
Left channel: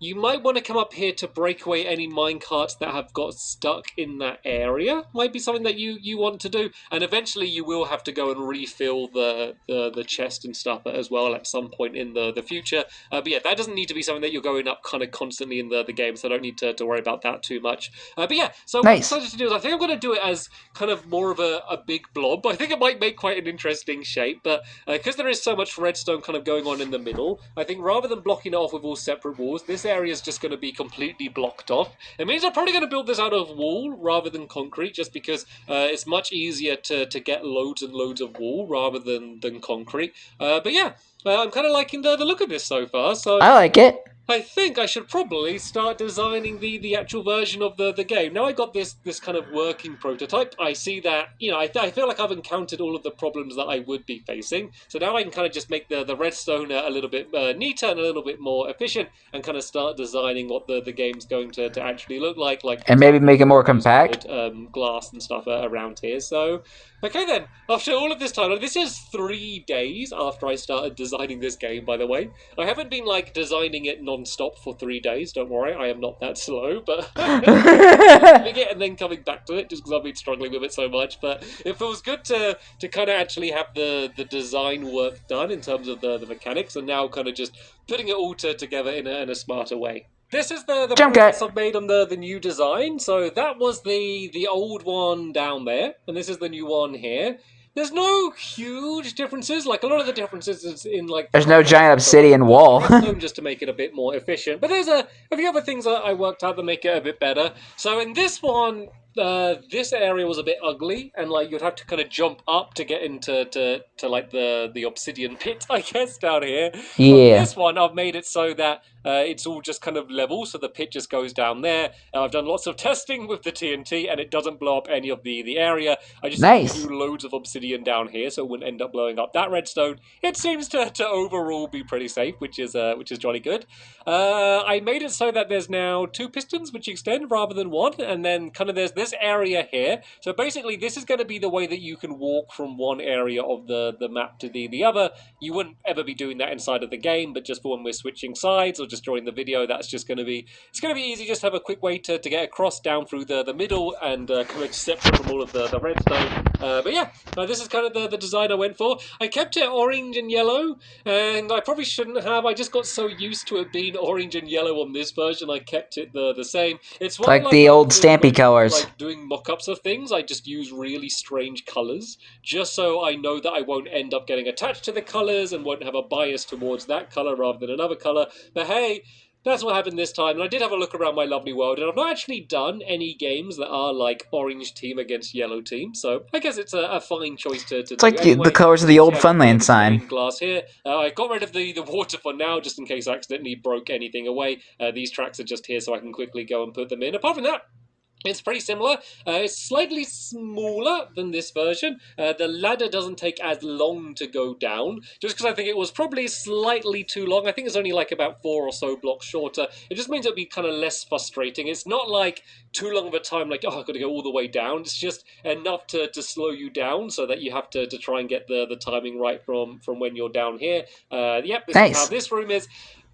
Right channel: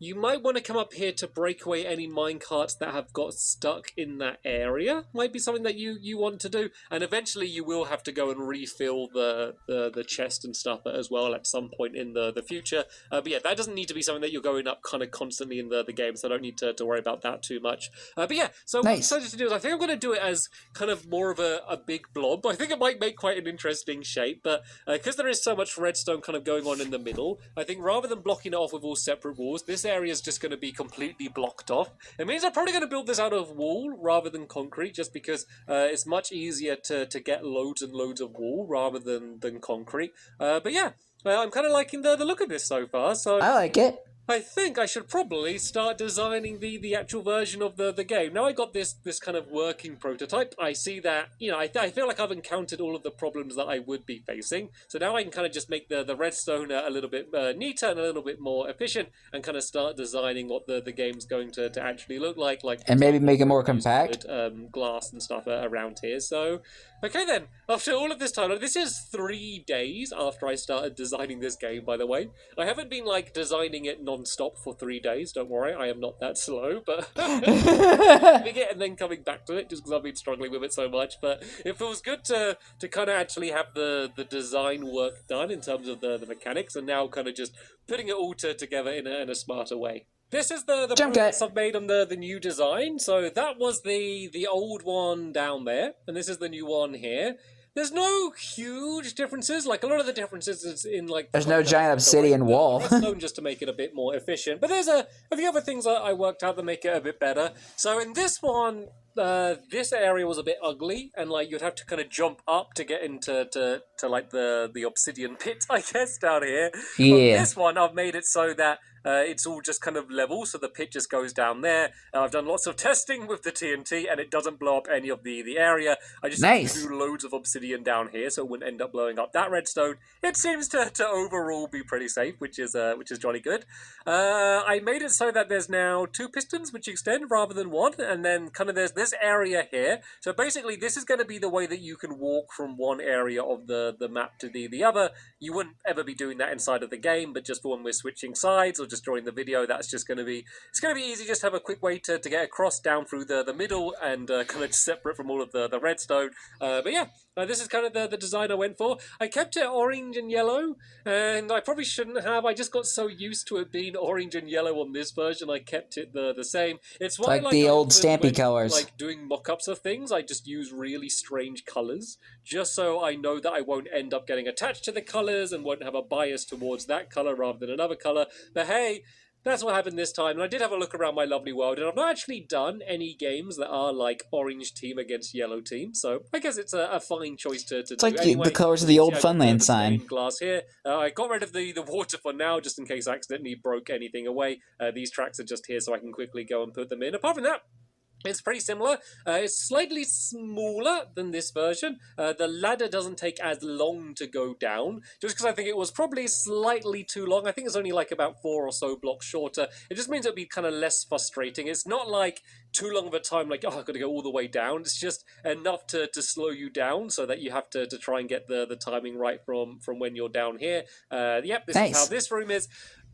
you might want to come up here to break away any minecarts that have got stuck in that area. Might be something that you want to do. And eventually you will have to go and refill the chest and stuff as well at some point in the future. But yeah, that doesn't need to be something that you're going up kind of constantly in the game, so I don't need to worry about that too much. But yeah, so what I decided to do is I think I'm going to do it as kind of more of a big blob. I think it might make quite an interesting shape, but because there is so much redstone kind of going on in the middle, I think rather than blocking it off with all separate walls, this area is just going to be completely blocked off. It means I'm probably going to build this out of wall rather than concrete, just because it's much easier to get loads and loads of wall rather than concrete. But yeah, I'm kind of liking the look of this so far. So I like it. I think I should probably start designing the actual version of the game. Now I got this kind of working prototype. I see that, you know, I feel like I've encountered all of the problems that I would be facing. So now I can kind of just make the redstone a little bit neater and a little bit more efficient, and kind of start designing what the game's going to actually look like. And maybe make it more compact. Glass and stuff around here. So, okay then, after all of this time, this is 3 days after I started designing this game, by the way. I haven't been, like, designing it non-stop for 3 days, don't worry, I am not that slow, but and then coming back to it, just because I've been struggling with it so much. But it feels good to kind of actually have the design work done in terms of the mechanics, and now kind of just putting it all together in a smarter way. This is the progress I've made on the new design. So that was the old one down there, and this is the new one here. There's no huge differences. Like, a lot of the differences is in, like... There's no giant obsidian wall. Just to make it a bit more efficient. But there's a few other things that I worked out that make it a bit better. So in this one, this area was a bit ugly, and like you'd have to kind of jump up to get into like the obsidian pit, I guess, down here. Yeah. On this one, I've made it so that it's all just kind of level, so the pit just goes down there. And I've done lots of testing with the TNT, and it doesn't blow up any of the area. I just do loads of obsidian down here, so it wouldn't end up blowing up that redstone. It seems to overall be pretty safe, which is jolly good. I made it so that there's now 2 pistons which extend rather than 1, and then kind of there's this area here, so basically this is going to be the way that you can walk from one area of the map to the other. You wouldn't ever be doing that inside of the game, but just for when we're switching sides or just during the video, that's just going to be, it's going to be easy. Just have a quick way to get across down through the middle and kind of separate from all of the redstone. But yeah, this is kind of the design I went for. I kept it orange and yellow, and I probably shouldn't have. I just got so used to it being orange and yellow on this version, I kept it the same. It's like the old Stampy colors. Like doing mock-ups of things, I just use really strange colors, just so I know that I won't end up getting attached to the colors and won't have a bias towards that color rather than another color. But hey, that's what happened this time, and I did have a look around my lovely world, and I've not actually done any games that are like orange team against yellow team, so I guess it's a fine choice to do. It's like anyway. the colors of the old Funland sign. Glass here. I got rid of the water for now, just in case I accidentally broke anything away. These tracks are just here so I can quickly go and put them in. Apart from that, it's pretty similar. It's slightly smaller than this version. The ladder doesn't take as long to go down, just because I think it was probably slightly too long. I think it's only like about 4 or so blocks shorter. It just means it'll be kind of less frustrating. It's not like too long of a time, like, oh, I've got to go all the way down. It's just enough to slow you down so that you have to try and get the timing right from when you're down here. Yep, this is how this room is.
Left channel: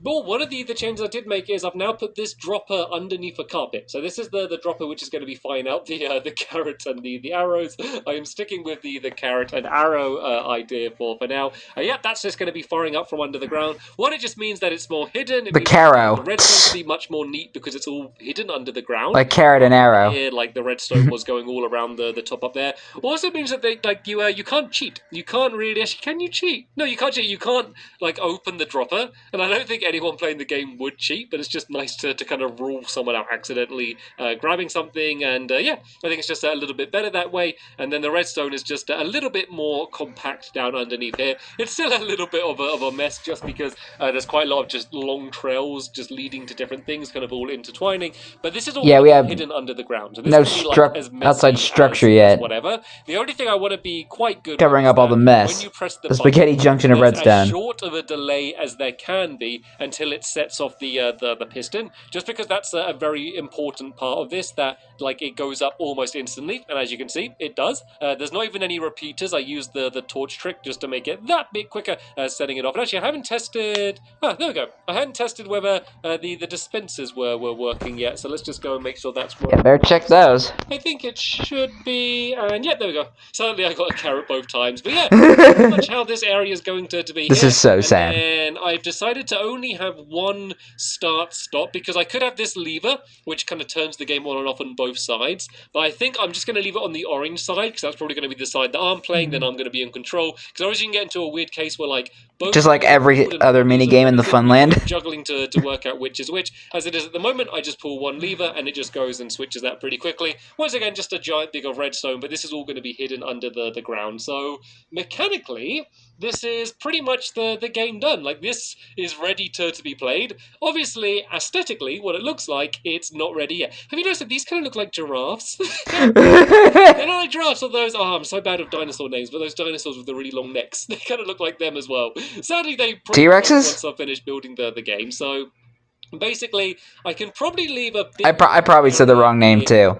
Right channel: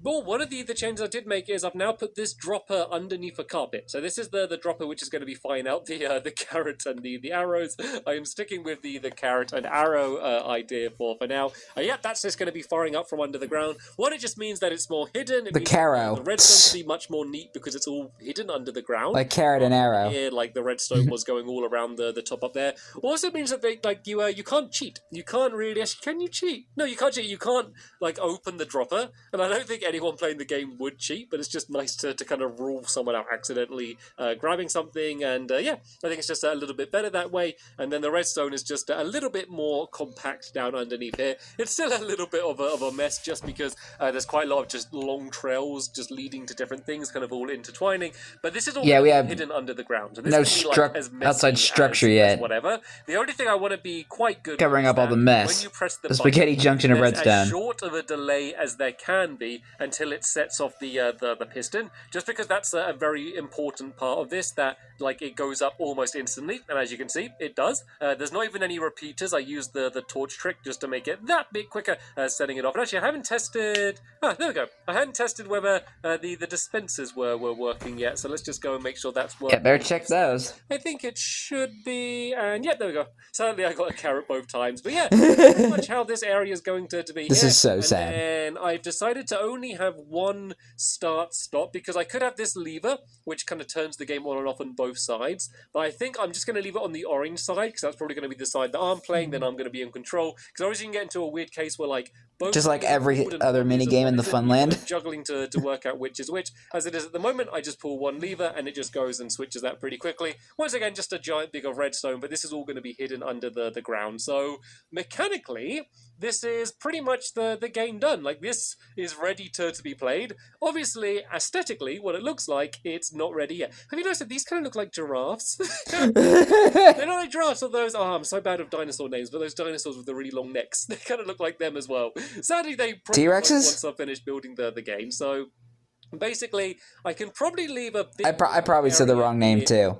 But one of the changes I did make is I've now put this dropper underneath a carpet. So this is the dropper which is going to be firing out the carrot and the arrows. I am sticking with the carrot and arrow idea for now. Yeah, that's just going to be firing up from under the ground. One, it just means that it's more hidden. The carrow. The redstone will be much more neat because it's all hidden under the ground. Like carrot and arrow. Here, like the redstone was going all around the top up there. Also means that you can't cheat. You can't really actually. Can you cheat? No, you can't cheat. You can't like open the dropper. And I don't think anyone playing the game would cheat, but it's just nice to kind of rule someone out accidentally grabbing something, and yeah, I think it's just a little bit better that way. And then the redstone is just a little bit more compact down underneath here. It's still a little bit of a mess just because there's quite a lot of just long trails just leading to different things, kind of all intertwining, but this is all we have hidden under the ground. So this no outside structure yet. Whatever. The only thing I want to be quite good covering up all the mess. When you press the spaghetti junction of redstone. As short of a delay as there can be until it sets off the piston, just because that's a very important part of this, that like it goes up almost instantly, and as you can see, it does. There's not even any repeaters. I used the torch trick just to make it that bit quicker, setting it off. And actually, I haven't tested. Ah, there we go. I hadn't tested whether the dispensers were working yet, so let's just go and make sure that's working. Yeah, better check those. I think it should be, and yeah, there we go. Sadly, I got a carrot both times, but yeah, pretty much how this area is going to be. This is so sad. And I've decided to only have one start-stop because I could have this lever, which kind of turns the game on and off on both sides. But I think I'm just going to leave it on the orange side because that's probably going to be the side that I'm playing. Then I'm going to be in control. Because otherwise you can get into a weird case where like both just like every other mini game in the Funland, juggling to work out which is which. As it is at the moment, I just pull one lever and it just goes and switches that pretty quickly. Once again, just a giant big of redstone, but this is all going to be hidden under the ground. So mechanically, this is pretty much the game done. Like, this is ready to be played. Obviously, aesthetically, what it looks like, it's not ready yet. Have you noticed that these kind of look like giraffes? They're not like giraffes, or those, oh, I'm so bad with dinosaur names, but those dinosaurs with the really long necks, they kind of look like them as well. Sadly, they probably T-Rexes? Once I finish building the game, so basically, I can probably leave a bit... I probably said the wrong name, too.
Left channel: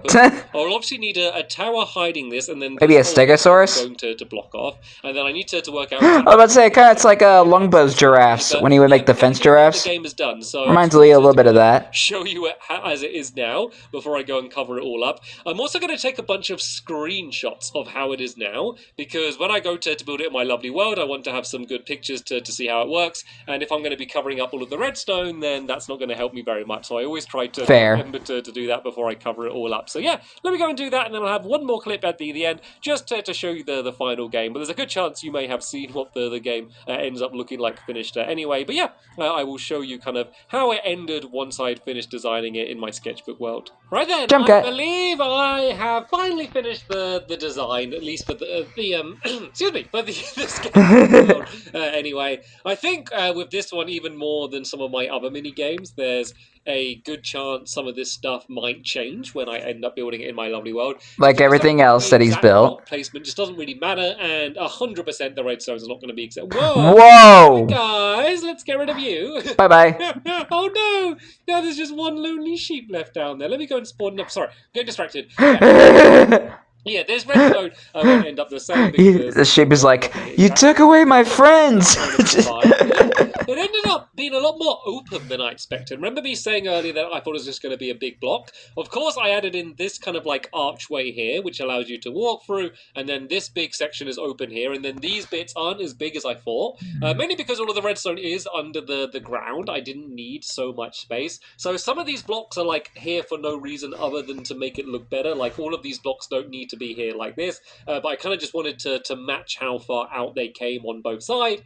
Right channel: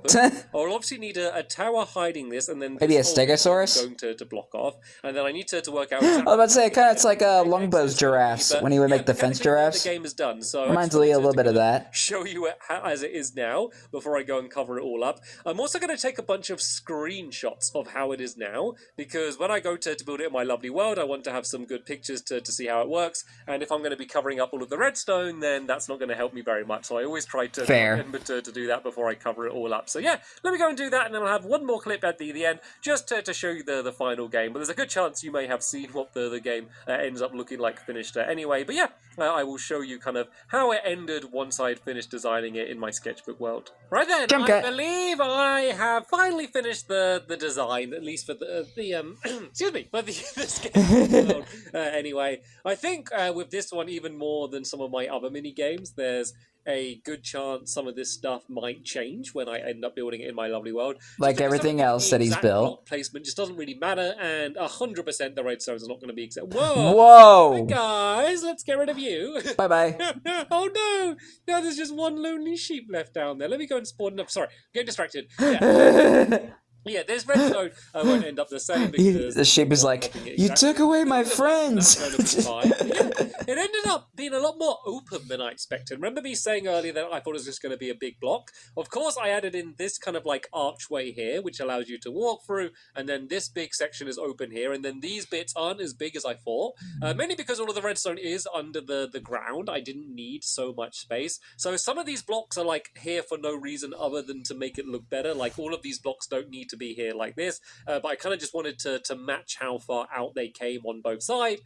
I'll obviously need a tower hiding this, and then... Maybe a Stegosaurus? ...going to block off, and then I need to work out... I was about to say, it's like Longbow's giraffes, when he would make the fence giraffes. The game is done, so... Reminds Lee a little bit of that. Show you it as it is now, before I go and cover it all up. I'm also going to take a bunch of screenshots of how it is now, because when I go to build it in my lovely world, I want to have some good pictures to see how it works, and if I'm going to be covering up all of the redstone, then that's not going to help me very much, so I always try to remember to do that before I cover it all up. So yeah, let me go and do that, and then I'll have one more clip at the end, just to show you the final game. But there's a good chance you may have seen what the game ends up looking like finished anyway. But yeah, I will show you kind of how it ended once I'd finished designing it in my sketchbook world. Right then, I believe I have finally finished the design, at least for the excuse me, for the sketchbook world. Anyway, I think with this one, even more than some of my other mini games, there's a good chance some of this stuff might change when I end up building it in my lovely world. Like everything else that he's built. Block placement just doesn't really matter, and 100% the redstones are not going to be accepted. Whoa! Whoa! Guys, let's get rid of you. Bye-bye. Oh no! Now there's just one lonely sheep left down there. Let me go and spawn up. Sorry, get distracted. Yeah, there's redstone will end up the same. The sheep is like, you took away my friends! It ended up being a lot more open than I expected. Remember me saying earlier that I thought it was just going to be a big block? Of course, I added in this kind of like archway here, which allows you to walk through, and then this big section is open here, and then these bits aren't as big as I thought. Mainly because all of the redstone is under the ground. I didn't need so much space. So some of these blocks are like here for no reason other than to make it look better. Like all of these blocks don't need to be here like this, but I kind of just wanted to match how far out they came on both sides.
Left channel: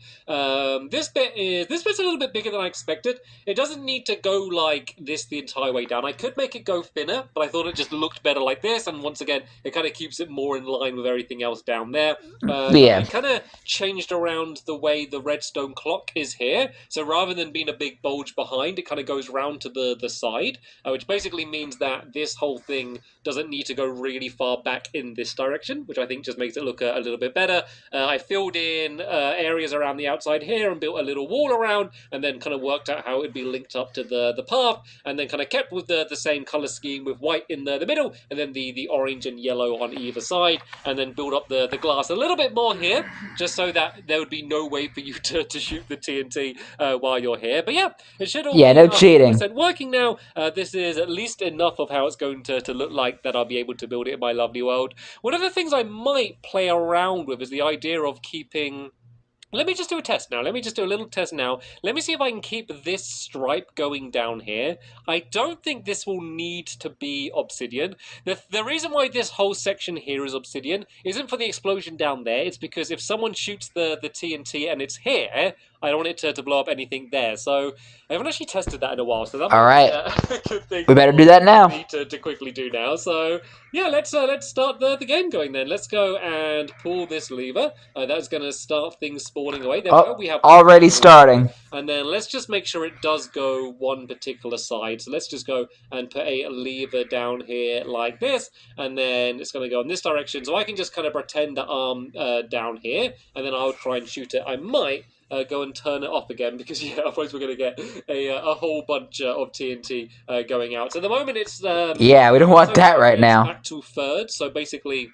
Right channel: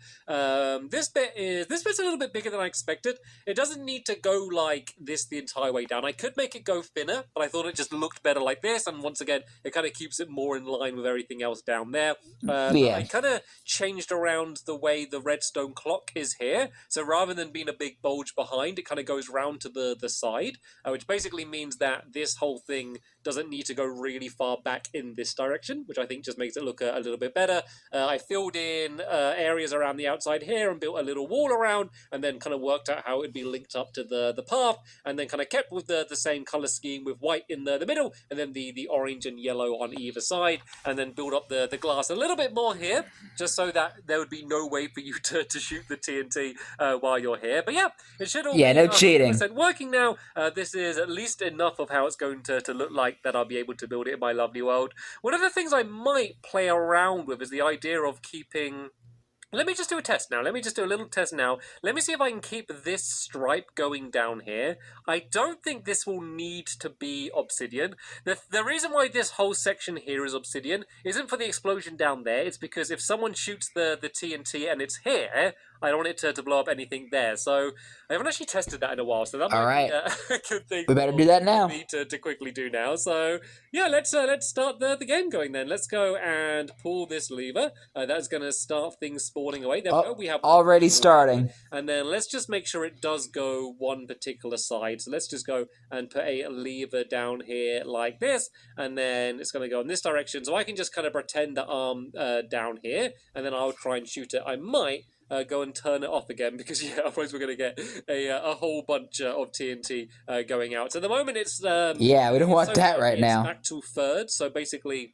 This bit's a little bit bigger than I expected. It doesn't need to go like this the entire way down. I could make it go thinner, but I thought it just looked better like this, and once again, it kind of keeps it more in line with everything else down there. Yeah. I kind of changed around the way the redstone clock is here, so rather than being a big bulge behind, it kind of goes round to the side, which basically means that this whole thing doesn't need to go really far back in this direction, which I think just makes it look a little bit better. I filled in areas around the outside here and built a little wall around, and then kind of worked out how it would be linked up to the path, and then kind of kept with the same color scheme with white in the middle, and then the orange and yellow on either side, and then build up the glass a little bit more here, just so that there would be no way for you to shoot the TNT while you're here. But yeah, it should all be no cheating. working now. This is at least enough of how it's going to look like that I'll be able to build it in my lovely world. One of the things I might play around with is the idea of keeping... Let me just do a test now. Let me just do a little test now. Let me see if I can keep this stripe going down here. I don't think this will need to be obsidian. The reason why this whole section here is obsidian isn't for the explosion down there. It's because if someone shoots the TNT and it's here, I don't want it to blow up anything there. So I haven't actually tested that in a while. So that might be a good thing. We better do that now. To quickly do now. So yeah, let's start the game going then. Let's go and pull this lever. That's going to start things spawning away. There we go. We have already starting. And then let's just make sure it does go one particular side. So let's just go and put a lever down here like this, and then it's going to go in this direction. So I can just kind of pretend the arm down here, and then I'll try and shoot it. I might go and turn it off again, because yeah, otherwise we're going to get a whole bunch of TNT going out. So at the moment it's... yeah, we don't want that right now. Back to thirds, so basically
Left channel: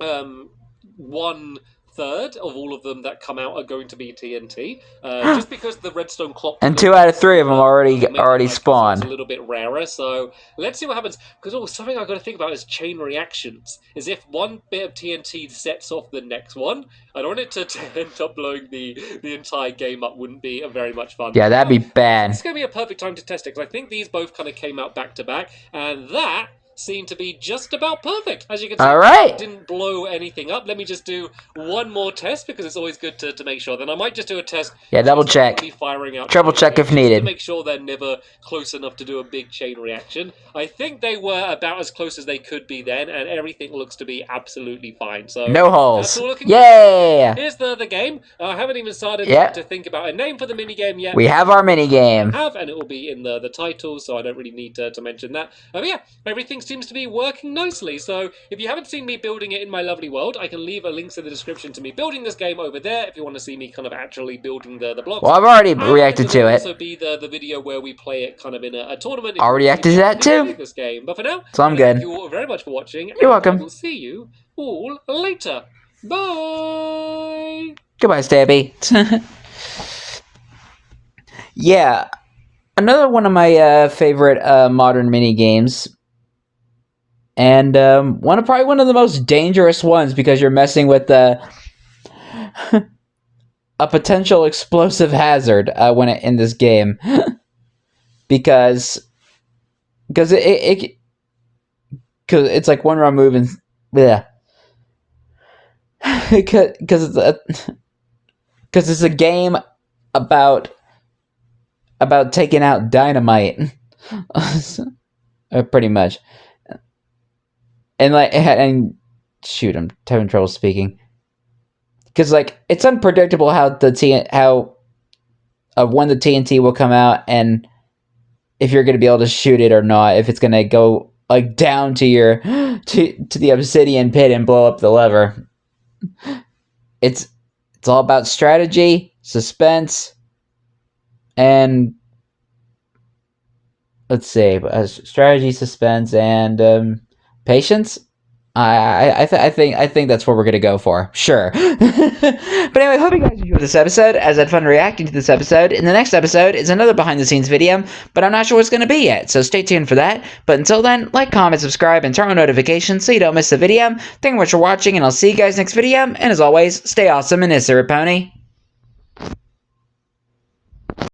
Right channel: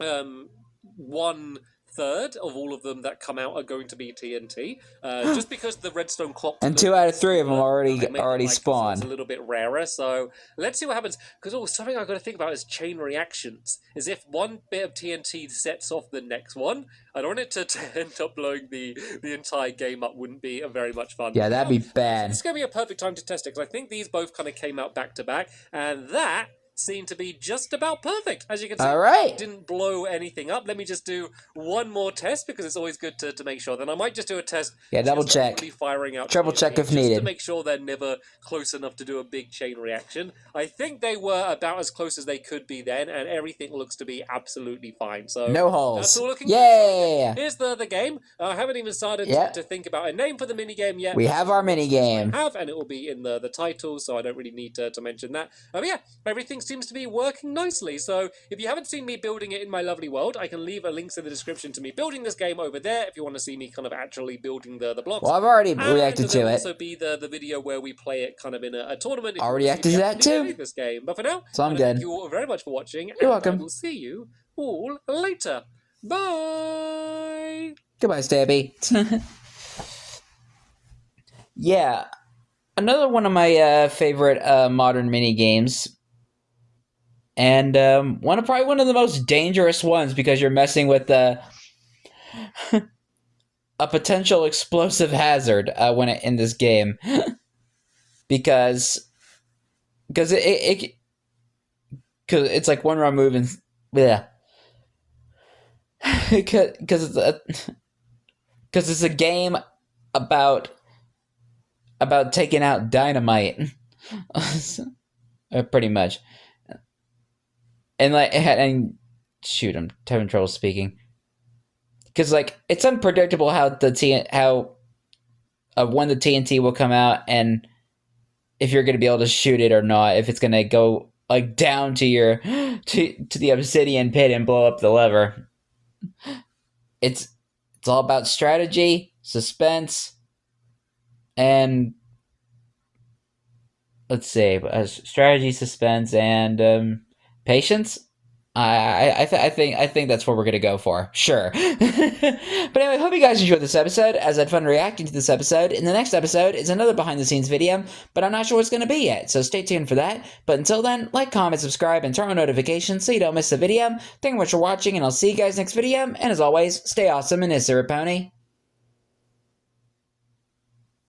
1/3 of all of them that come out are going to be TNT, just because the redstone clock... And 2 out of 3 of them already spawned. It's a little bit rarer, so let's see what happens. Because something I've got to think about is chain reactions. Is if one bit of TNT sets off the next one, I don't want it to end up blowing the entire game up. Wouldn't be very much fun. Yeah, that'd be bad. It's going to be a perfect time to test it, because I think these both kind of came out back to back, and that seemed to be just about perfect. As you can see, it didn't blow anything up. Let me just do one more test, because it's always good to make sure. Then I might just do a test. Yeah, double check. Firing out Triple check if needed. to make sure they're never close enough to do a big chain reaction. I think they were about as close as they could be then, and everything looks to be absolutely fine. So no holes. Yay! Here's the game. I haven't even started to think about a name for the mini game yet. We have our mini game. And it will be in the title, so I don't really need to mention that. But yeah, everything seems to be working nicely. So if you haven't seen me building it in my lovely world, I can leave a link in the description to me building this game over there if you want to see me kind of actually building the blocks. Well, I've already reacted to it. Also be the video where we play it kind of in a tournament. I'll react to that too. This game. But for now, so I'm good. Thank you all very much for watching. You're welcome. We'll see you all later. Bye. Goodbye, Stampy. Yeah, another one of my favorite modern mini games, and probably one of the most dangerous ones, because you're messing with a potential explosive hazard when in this game, because it's like one wrong move and yeah, because it's a game about taking out dynamite, pretty much. And shoot, I'm having trouble speaking. Because like it's unpredictable how when the TNT will come out, and if you're going to be able to shoot it or not, if it's going to go like down to your to the obsidian pit and blow up the lever. It's all about strategy, suspense, and let's see, strategy, suspense, and patience. I think that's what we're gonna go for. Sure. But anyway, hope you guys enjoyed this episode, as I had fun reacting to this episode. In the next episode is another behind the scenes video, but I'm not sure what it's gonna be yet, so stay tuned for that. But until then, like, comment, subscribe, and turn on notifications so you don't miss a video. Thank you much for watching, and I'll see you guys next video. And as always, stay awesome and Pony.